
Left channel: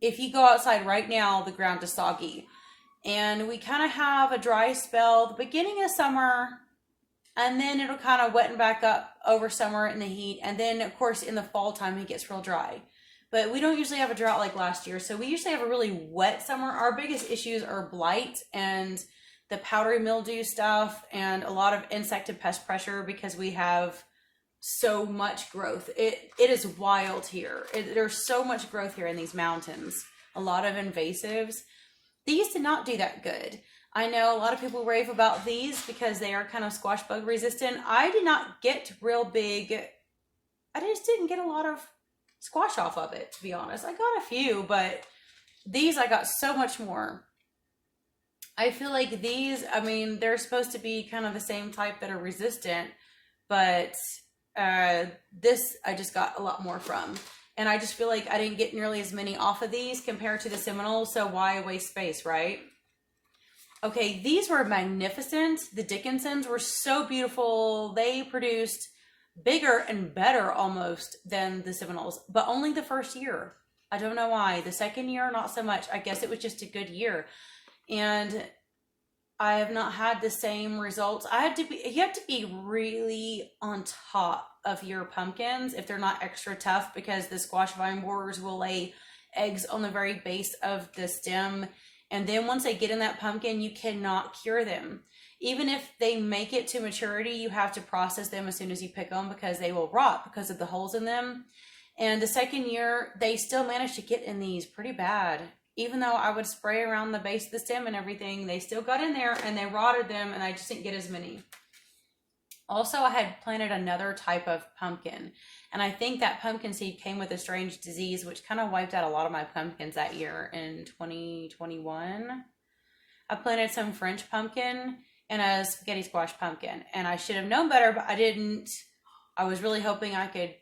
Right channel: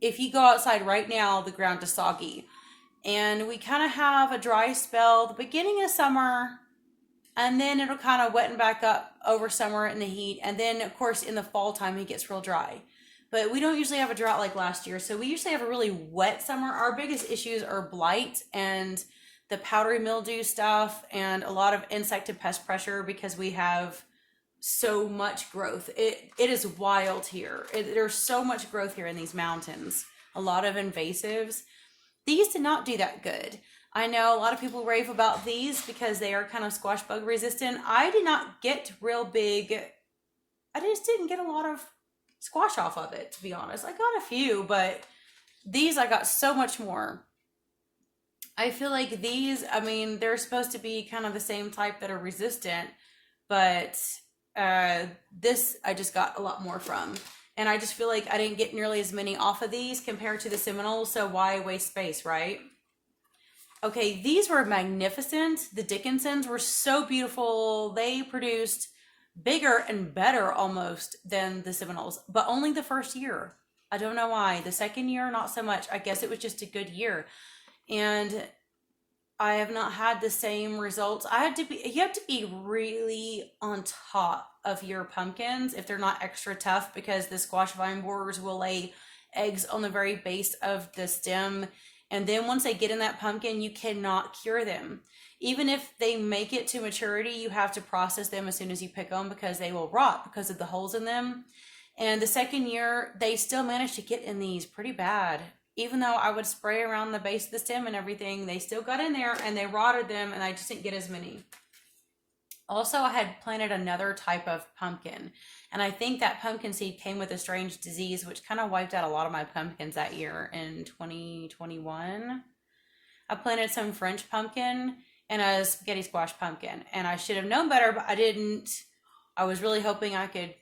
if you go outside right now, the ground is soggy. And we kind of have a dry spell the beginning of summer, and then it'll kind of wetten back up over summer in the heat. And then, of course, in the fall time, it gets real dry. But we don't usually have a drought like last year. So we usually have a really wet summer. Our biggest issues are blight and the powdery mildew stuff and a lot of insect and pest pressure because we have so much growth. It is wild here. There's so much growth here in these mountains. A lot of invasives. These did not do that good. I know a lot of people rave about these because they are kind of squash bug resistant. I did not get real big. I just didn't get a lot of squash off of it, to be honest. I got a few, but these I got so much more. I feel like these, I mean, they're supposed to be kind of the same type that are resistant, but this I just got a lot more from. And I just feel like I didn't get nearly as many off of these compared to the Seminoles, so why waste space, right? Okay, these were magnificent. The Dickinsons were so beautiful. They produced bigger and better almost than the Seminoles, but only the first year. I don't know why. The second year, not so much. I guess it was just a good year. And I have not had the same results. You have to be really on top of your pumpkins if they're not extra tough, because the squash vine borers will lay eggs on the very base of the stem. And then once they get in that pumpkin, you cannot cure them. Even if they make it to maturity, you have to process them as soon as you pick them because they will rot because of the holes in them. And the second year, they still managed to get in these pretty bad. Even though I would spray around the base of the stem and everything, they still got in there and they rotted them, and I just didn't get as many. Also, I had planted another type of pumpkin, and I think that pumpkin seed came with a strange disease, which kind of wiped out a lot of my pumpkins that year in 2021. I planted some French pumpkin and a spaghetti squash pumpkin, and I should have known better, but I didn't. I was really hoping I could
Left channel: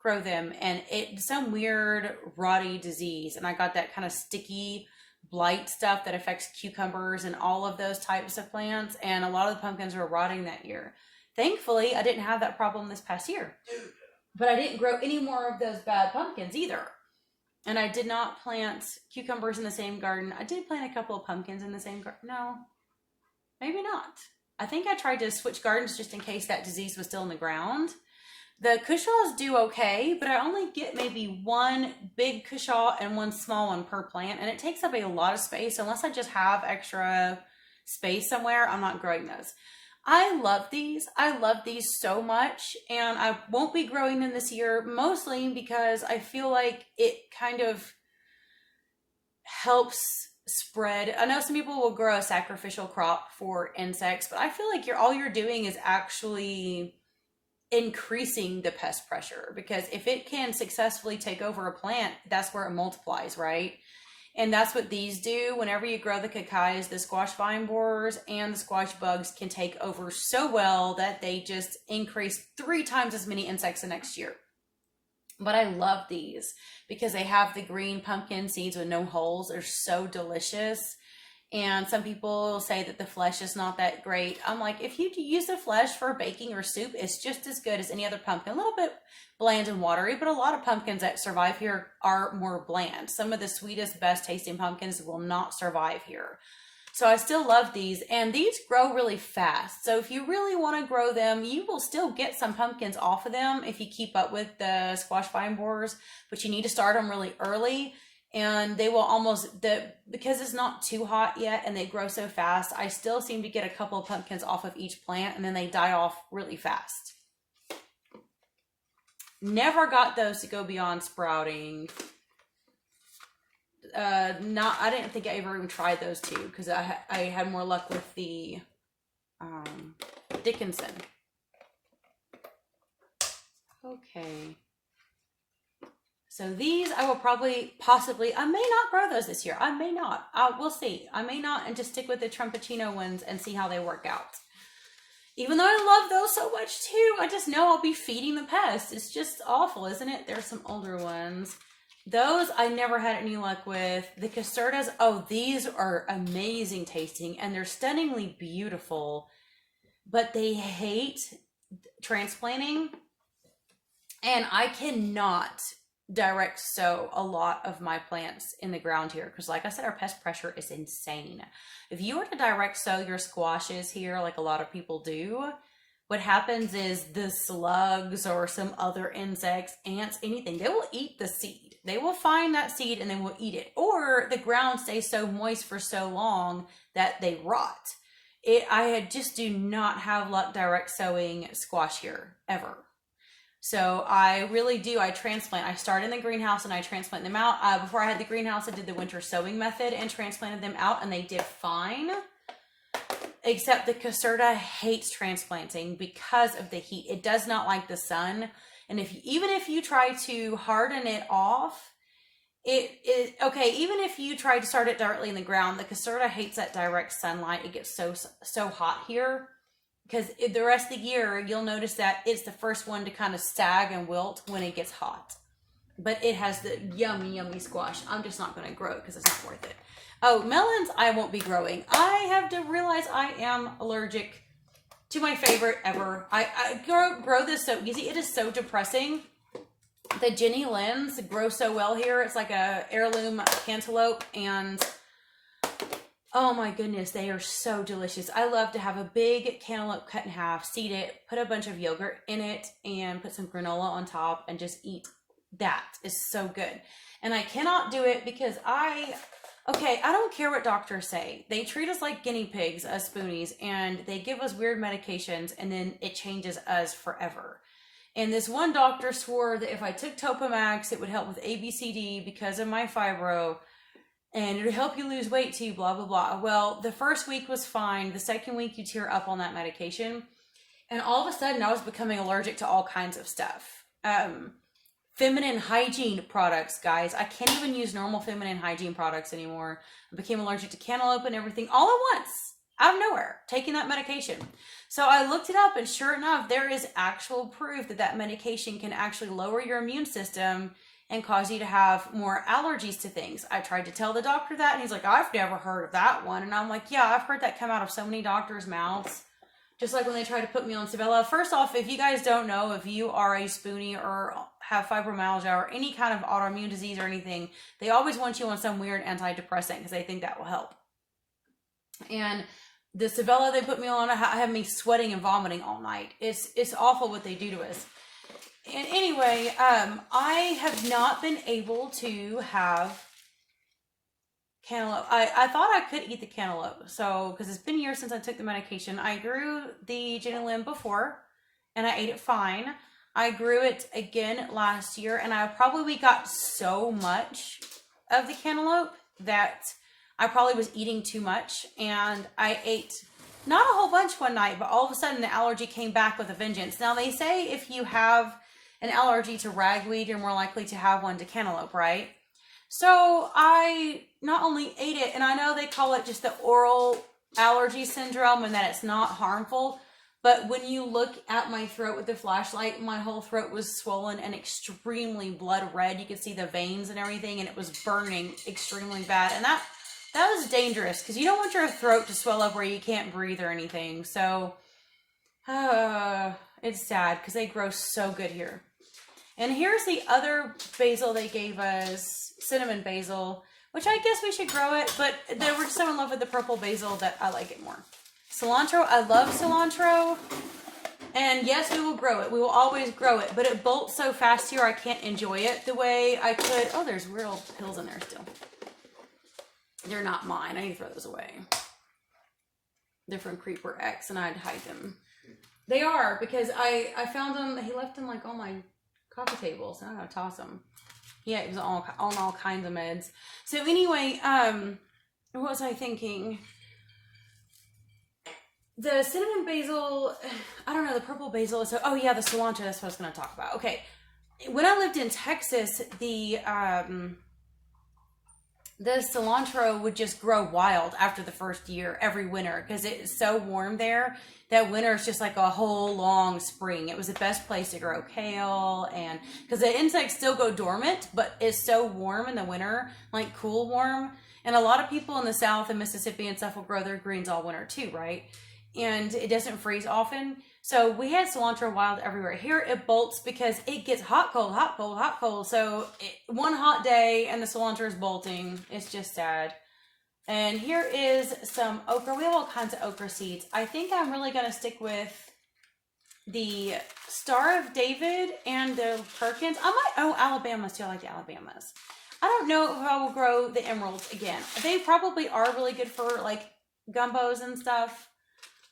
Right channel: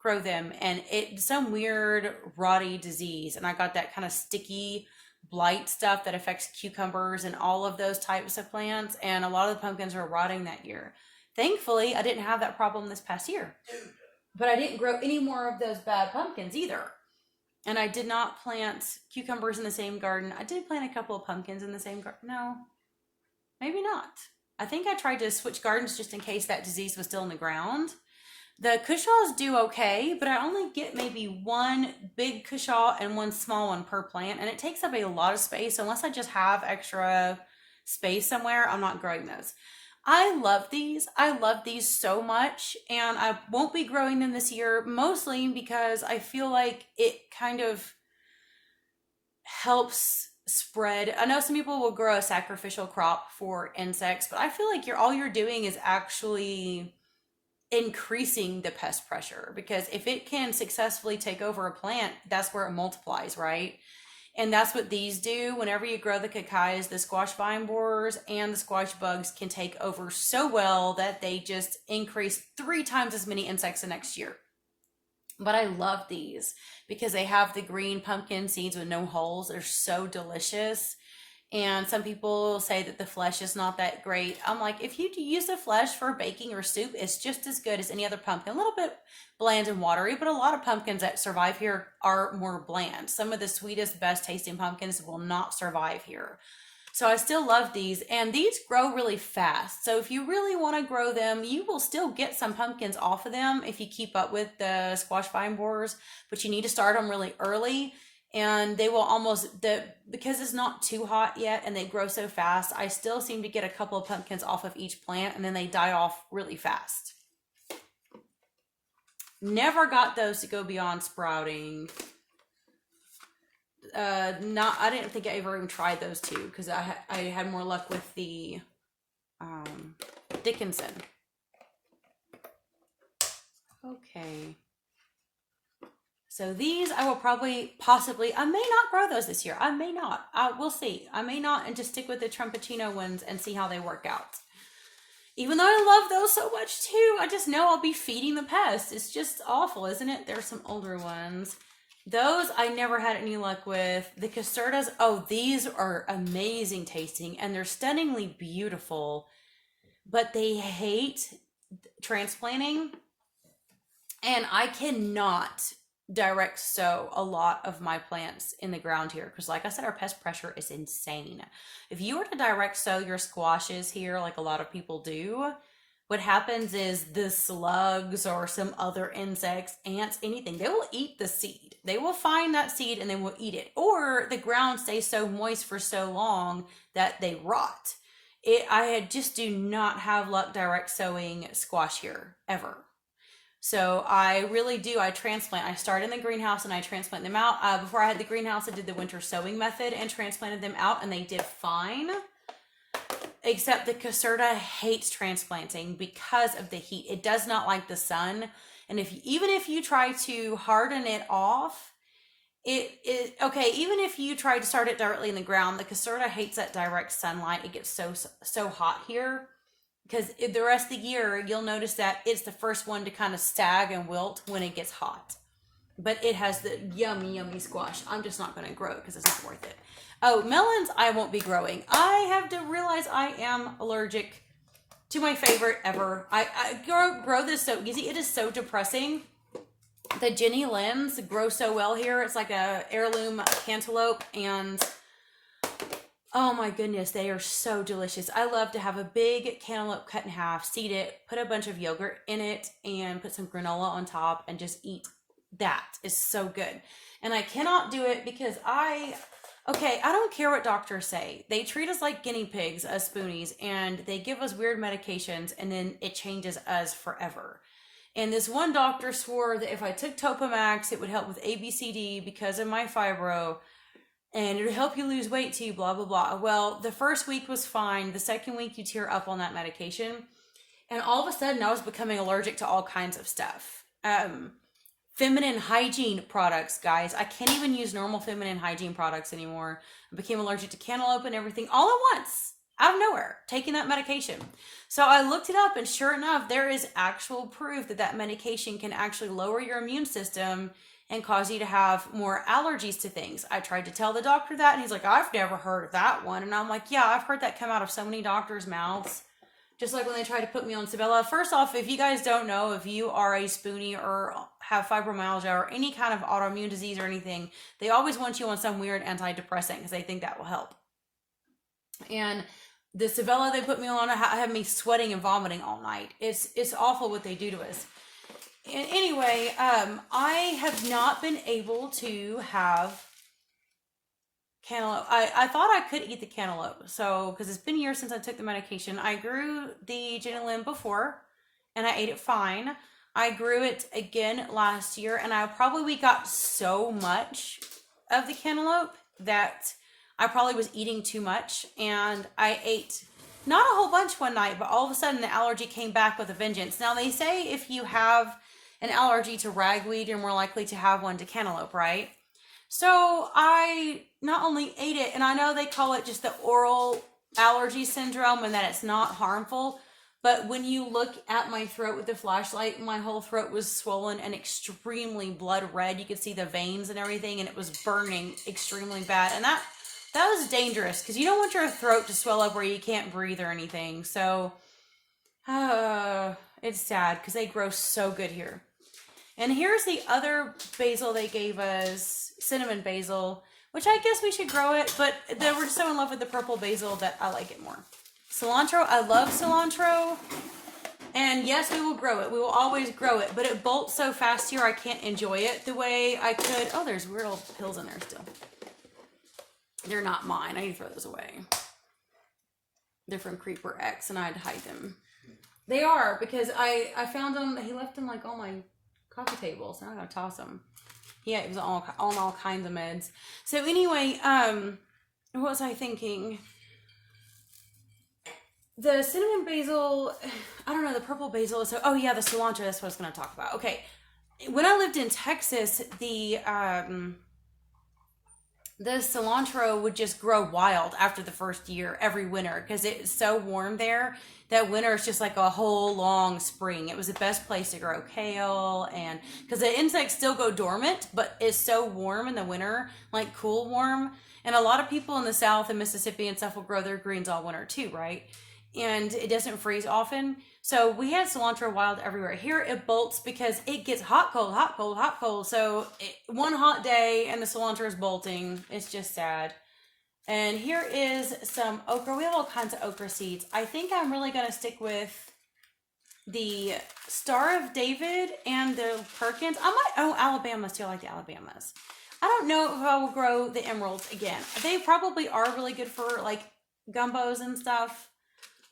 grow them, and it's some weird rotty disease, and I got that kind of sticky blight stuff that affects cucumbers and all of those types of plants, and a lot of the pumpkins were rotting that year. Thankfully, I didn't have that problem this past year, but I didn't grow any more of those bad pumpkins either. And I did not plant cucumbers in the same garden. I did plant a couple of pumpkins in the same garden. No, maybe not. I think I tried to switch gardens just in case that disease was still in the ground. The cushaws do okay, but I only get maybe one big cushaw and one small one per plant, and it takes up a lot of space. Unless I just have extra space somewhere, I'm not growing those. I love these. I love these so much, and I won't be growing them this year, mostly because I feel like it kind of helps spread. I know some people will grow a sacrificial crop for insects, but I feel like all you're doing is actually increasing the pest pressure, because if it can successfully take over a plant, that's where it multiplies, right? And that's what these do. Whenever you grow the cacais, the squash vine borers and the squash bugs can take over so well that they just increase 3 times as many insects the next year. But I love these because they have the green pumpkin seeds with no holes. They're so delicious. And some people say that the flesh is not that great. I'm like, if you use the flesh for baking or soup, it's just as good as any other pumpkin. A little bit bland and watery, but a lot of pumpkins that survive here are more bland. Some of the sweetest, best tasting pumpkins will not survive here. So I still love these, and these grow really fast. So if you really want to grow them, you will still get some pumpkins off of them if you keep up with the squash vine borers, but you need to start them really early. And they will because it's not too hot yet and they grow so fast, I still seem to get a couple of pumpkins off of each plant and then they die off really fast. Never got those to go beyond sprouting. I didn't think I ever even tried those two because I had more luck with the Dickinson. Okay. So these I will possibly, I may not grow those this year. I may not. We'll see. I may not and just stick with the Trumpetino ones and see how they work out. Even though I love those so much too, I just know I'll be feeding the pests. It's just awful, isn't it? There's some older ones. Those I never had any luck with. The Casertas, oh, these are amazing tasting and they're stunningly beautiful, but they hate transplanting. And I cannot direct sow a lot of my plants in the ground here because like I said, our pest pressure is insane. If you were to direct sow your squashes here like a lot of people do, what happens is the slugs or some other insects, ants, anything, they will eat the seed. They will find that seed and they will eat it. Or the ground stays so moist for so long that they rot. I just do not have luck direct sowing squash here, ever. So I really do. I transplant. I start in the greenhouse and I transplant them out. Before I had the greenhouse, I did the winter sowing method and transplanted them out and they did fine. Except the Caserta hates transplanting because of the heat. It does not like the sun. And even if you try to harden it off, okay, even if you try to start it directly in the ground, the Caserta hates that direct sunlight. It gets so hot here. Because the rest of the year, you'll notice that it's the first one to kind of sag and wilt when it gets hot. But it has the yummy, yummy squash. I'm just not going to grow it because it's not worth it. Oh, melons I won't be growing. I have to realize I am allergic to my favorite ever. I grow this so easy. It is so depressing. The Jenny Limbs grow so well here. It's like a heirloom cantaloupe and oh my goodness, they are so delicious. I love to have a big cantaloupe cut in half, seed it, put a bunch of yogurt in it, and put some granola on top and just eat. That is so good. And I cannot do it because I don't care what doctors say. They treat us like guinea pigs, us Spoonies, and they give us weird medications, and then it changes us forever. And this one doctor swore that if I took Topamax, it would help with ABCD because of my fibro, and it would help you lose weight too, blah, blah, blah. Well, the first week was fine. The second week, you tear up on that medication. And all of a sudden, I was becoming allergic to all kinds of stuff. Feminine hygiene products, guys. I can't even use normal feminine hygiene products anymore. I became allergic to cantaloupe and everything all at once, out of nowhere, taking that medication. So I looked it up, and sure enough, there is actual proof that that medication can actually lower your immune system and cause you to have more allergies to things. I tried to tell the doctor that, and he's like, I've never heard of that one. And I'm like, yeah, I've heard that come out of so many doctors' mouths. Just like when they tried to put me on Sabella. First off, if you guys don't know, if you are a Spoonie or have fibromyalgia or any kind of autoimmune disease or anything, they always want you on some weird antidepressant because they think that will help. And the Sabella they put me on, I had me sweating and vomiting all night. It's awful what they do to us. And anyway, I have not been able to have cantaloupe. I thought I could eat the cantaloupe. So, because it's been years since I took the medication. I grew the Jenny Limb before, and I ate it fine. I grew it again last year, and I probably got so much of the cantaloupe that I probably was eating too much, and I ate not a whole bunch one night, but all of a sudden the allergy came back with a vengeance. Now, they say if you have an allergy to ragweed, you're more likely to have one to cantaloupe, right? So I not only ate it, and I know they call it just the oral allergy syndrome and that it's not harmful, but when you look at my throat with the flashlight, my whole throat was swollen and extremely blood red. You could see the veins and everything, and it was burning extremely bad. And that that was dangerous because you don't want your throat to swell up where you can't breathe or anything. So, it's sad because they grow so good here. And here's the other basil they gave us, cinnamon basil, which I guess we should grow it, but they were so in love with the purple basil that I like it more. Cilantro, I love cilantro. And yes, we will grow it. We will always grow it, but it bolts so fast here I can't enjoy it the way I could. Oh, there's real pills in there still. They're not mine. I need to throw those away. They're from Creeper X and I'd hide them. They are because I found them. He left them like on my coffee table, so I'm gonna toss them. Yeah, it was on all kinds of meds. So anyway, what was I thinking? The cinnamon basil, I don't know, the purple basil. So, oh yeah, the cilantro. That's what I was gonna talk about. Okay, when I lived in Texas, the cilantro would just grow wild after the first year every winter because it's so warm there that winter is just like a whole long spring. It was the best place to grow kale, and because the insects still go dormant, but it's so warm in the winter, like cool warm. And a lot of people in the South and Mississippi and stuff will grow their greens all winter too, right? And it doesn't freeze often. So we had cilantro wild everywhere. Here it bolts because it gets hot, cold, hot, cold, hot, cold. So one hot day and the cilantro is bolting. It's just sad. And here is some okra. We have all kinds of okra seeds. I think I'm really going to stick with the Star of David and the Perkins. Alabama. Still like the Alabamas. I don't know if I will grow the emeralds again. They probably are really good for like gumbos and stuff.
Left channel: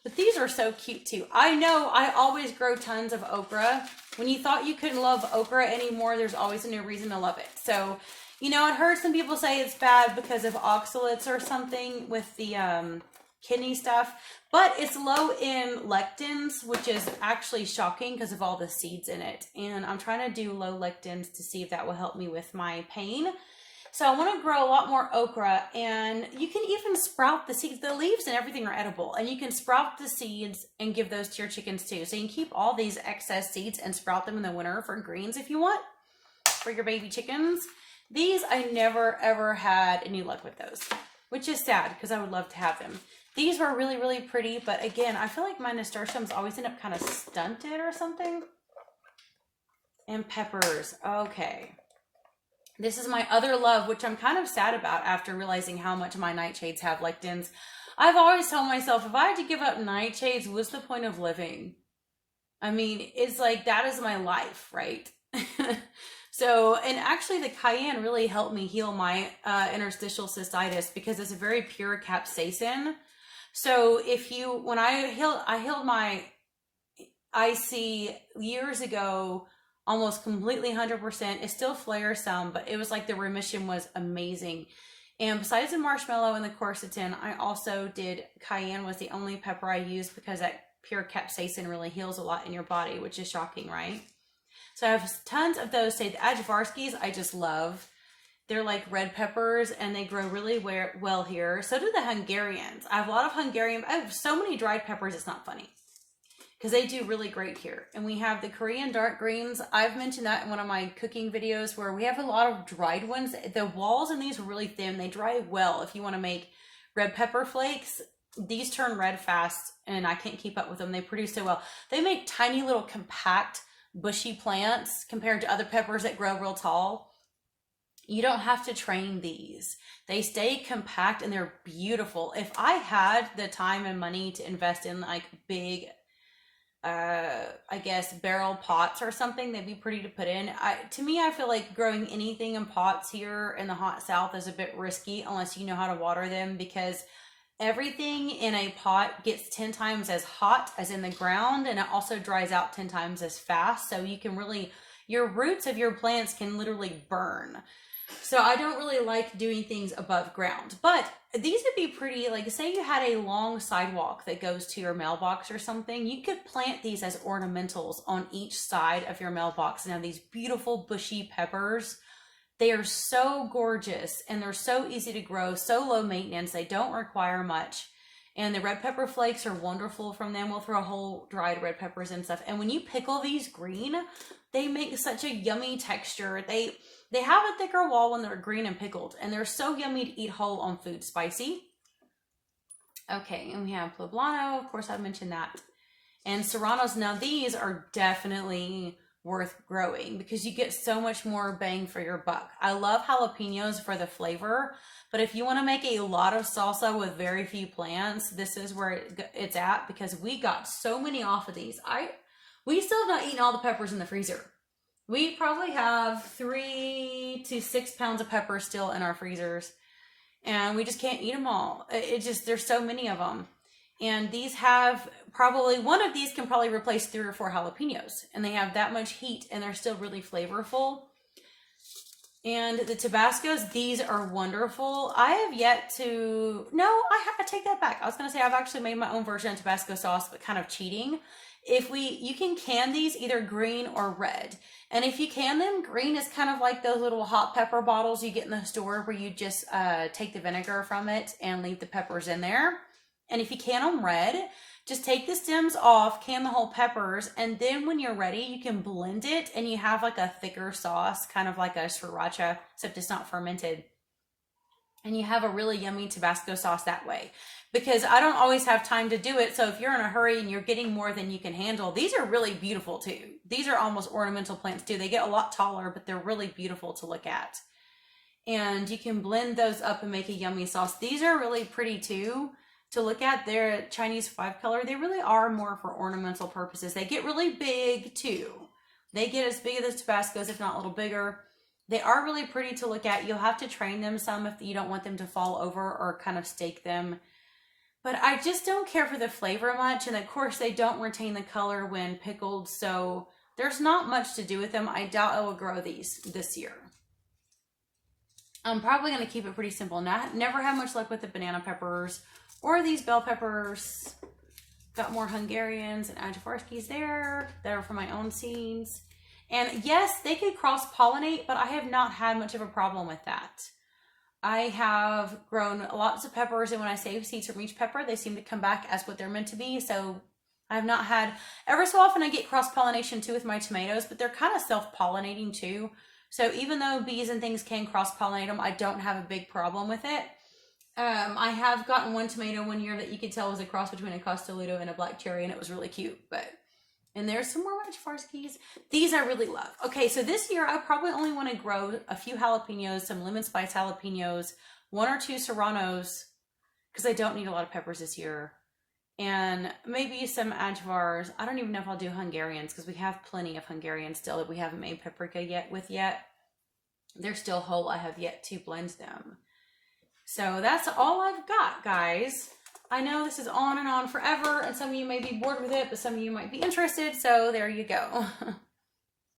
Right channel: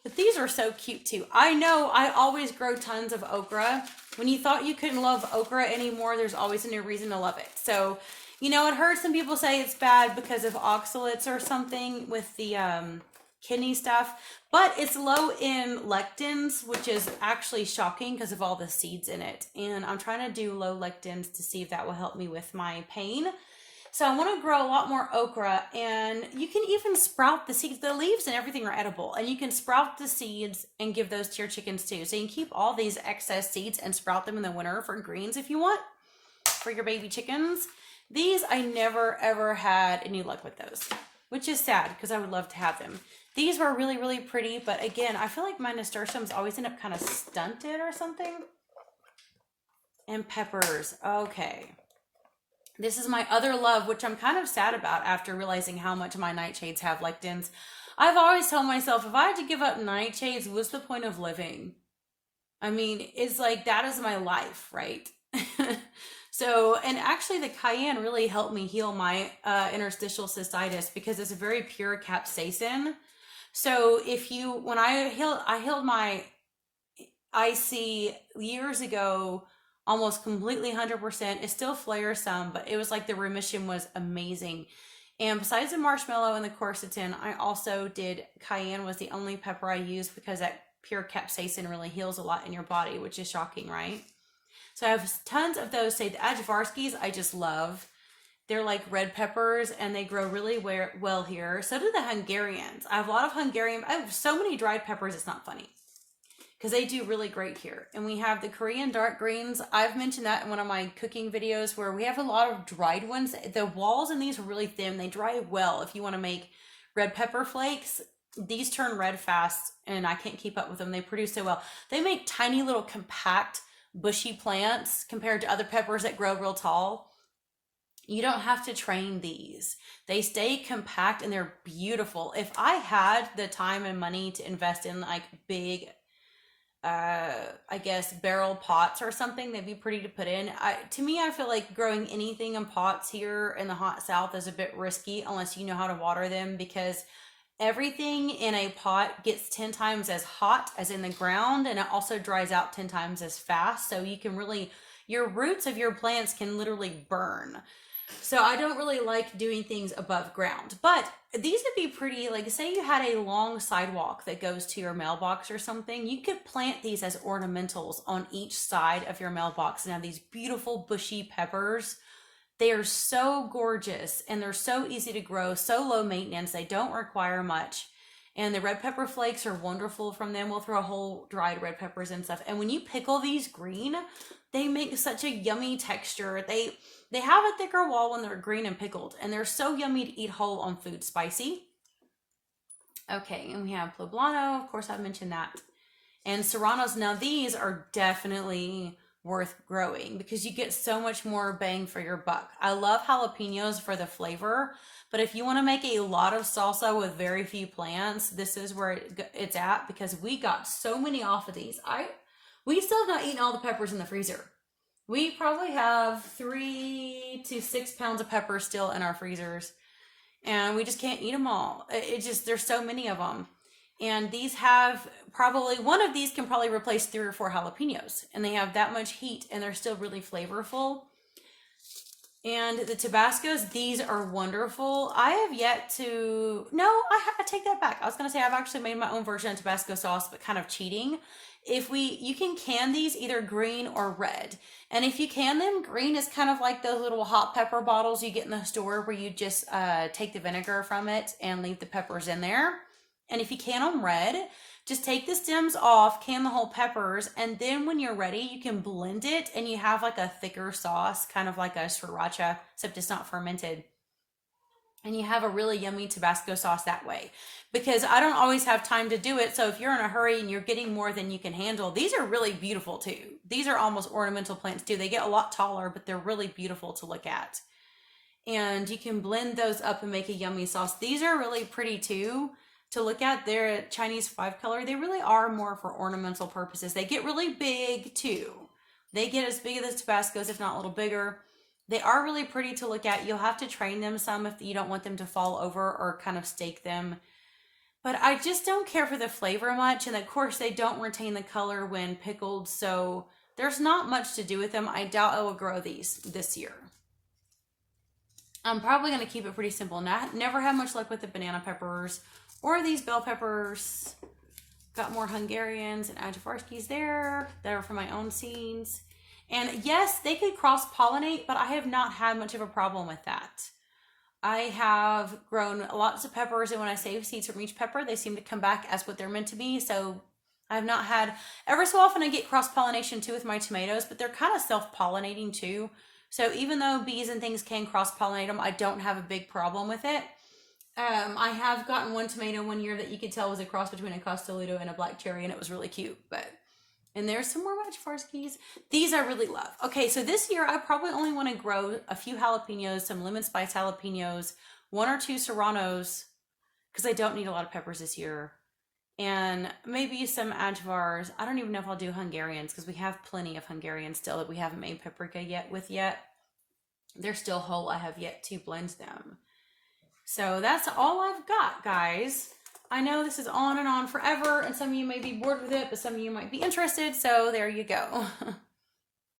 But these are so cute too. I know I always grow tons of okra. When you thought you couldn't love okra anymore, there's always a new reason to love it. So, you know, I'd heard some people say it's bad because of oxalates or something with the kidney stuff. But it's low in lectins, which is actually shocking because of all the seeds in it. And I'm trying to do low lectins to see if that will help me with my pain. So I want to grow a lot more okra, and you can even sprout the seeds. The leaves and everything are edible, and you can sprout the seeds and give those to your chickens too. So you can keep all these excess seeds and sprout them in the winter for greens if you want, for your baby chickens. These, I never ever had any luck with those, which is sad because I would love to have them. These were really, really pretty, but again, I feel like my nasturtiums always end up kind of stunted or something. And peppers, okay. This is my other love, which I'm kind of sad about after realizing how much my nightshades have lectins. I've always told myself, if I had to give up nightshades, what's the point of living? I mean, it's like, that is my life, right? So, and actually the cayenne really helped me heal my interstitial cystitis because it's a very pure capsaicin. So when I healed my IC years ago, almost completely 100%. It still flares some, but it was like the remission was amazing. And besides the marshmallow and the quercetin, I also did cayenne was the only pepper I used because that pure capsaicin really heals a lot in your body, which is shocking, right? So I have tons of those. Say the Ajvarskis, I just love. They're like red peppers and they grow really well here. So do the Hungarians. I have a lot of Hungarian. I have so many dried peppers, it's not funny. Because they do really great here. And we have the Korean dark greens. I've mentioned that in one of my cooking videos where we have a lot of dried ones. The walls in these are really thin. They dry well. If you want to make red pepper flakes, these turn red fast and I can't keep up with them. They produce so well. They make tiny little compact bushy plants compared to other peppers that grow real tall. You don't have to train these. They stay compact and they're beautiful. If I had the time and money to invest in like big I guess barrel pots or something, they'd be pretty to put in. To me, I feel like growing anything in pots here in the hot South is a bit risky unless you know how to water them because everything in a pot gets 10 times as hot as in the ground and it also dries out 10 times as fast. So you can really, your roots of your plants can literally burn. So I don't really like doing things above ground, but these would be pretty, like say you had a long sidewalk that goes to your mailbox or something, you could plant these as ornamentals on each side of your mailbox and have these beautiful bushy peppers. They are so gorgeous and they're so easy to grow, so low maintenance. They don't require much. And the red pepper flakes are wonderful from them. We'll throw whole dried red peppers and stuff. And when you pickle these green, they make such a yummy texture. They have a thicker wall when they're green and pickled, and they're so yummy to eat whole on food, spicy. Okay, and we have poblano. Of course, I mentioned that. And serranos. Now, these are definitely worth growing because you get so much more bang for your buck. I love jalapenos for the flavor, but if you want to make a lot of salsa with very few plants, this is where it's at, because we got so many off of these. We still have not eaten all the peppers in the freezer. We probably have 3 to 6 pounds of peppers still in our freezers, and we just can't eat them all. It just, there's so many of them. And these have probably, one of these can probably replace 3 or 4 jalapenos, and they have that much heat, and they're still really flavorful. And the Tabascos, these are wonderful. I have yet to, no, I take that back. I was going to say I've actually made my own version of Tabasco sauce, but kind of cheating. You can can these either green or red. And if you can them, green is kind of like those little hot pepper bottles you get in the store where you just take the vinegar from it and leave the peppers in there. And if you can them red, just take the stems off, can the whole peppers, and then when you're ready, you can blend it and you have like a thicker sauce, kind of like a sriracha, except it's not fermented. And you have a really yummy Tabasco sauce that way. Because I don't always have time to do it, so if you're in a hurry and you're getting more than you can handle, these are really beautiful too. These are almost ornamental plants too. They get a lot taller, but they're really beautiful to look at. And you can blend those up and make a yummy sauce. These are really pretty too to look at. They're Chinese 5-color. They really are more for ornamental purposes. They get really big too. They get as big as the Tabascos, if not a little bigger. They are really pretty to look at. You'll have to train them some if you don't want them to fall over or kind of stake them. But I just don't care for the flavor much. And of course, they don't retain the color when pickled. So there's not much to do with them. I doubt I will grow these this year. I'm probably going to keep it pretty simple. Never had much luck with the banana peppers or these bell peppers. Got more Hungarians and Ajavarskis there that are for my own seeds. And yes, they could cross-pollinate, but I have not had much of a problem with that. I have grown lots of peppers, and when I save seeds from each pepper, they seem to come back as what they're meant to be. So I have not had, ever so often I get cross-pollination too with my tomatoes, but they're kind of self-pollinating too. So even though bees and things can cross-pollinate them, I don't have a big problem with it. I have gotten one tomato one year that you could tell was a cross between a Costoludo and a black cherry, and it was really cute. And there's some more Ajavarskis. These I really love. Okay, so this year I probably only want to grow a few jalapenos, some lemon spice jalapenos, 1 or 2 serranos, because I don't need a lot of peppers this year, and maybe some Ajvars. I don't even know if I'll do Hungarians, because we have plenty of Hungarians still that we haven't made paprika yet. They're still whole. I have yet to blend them. So that's all I've got, guys. I know this is on and on forever, and some of you may be bored with it, but some of you might be interested, so there you go.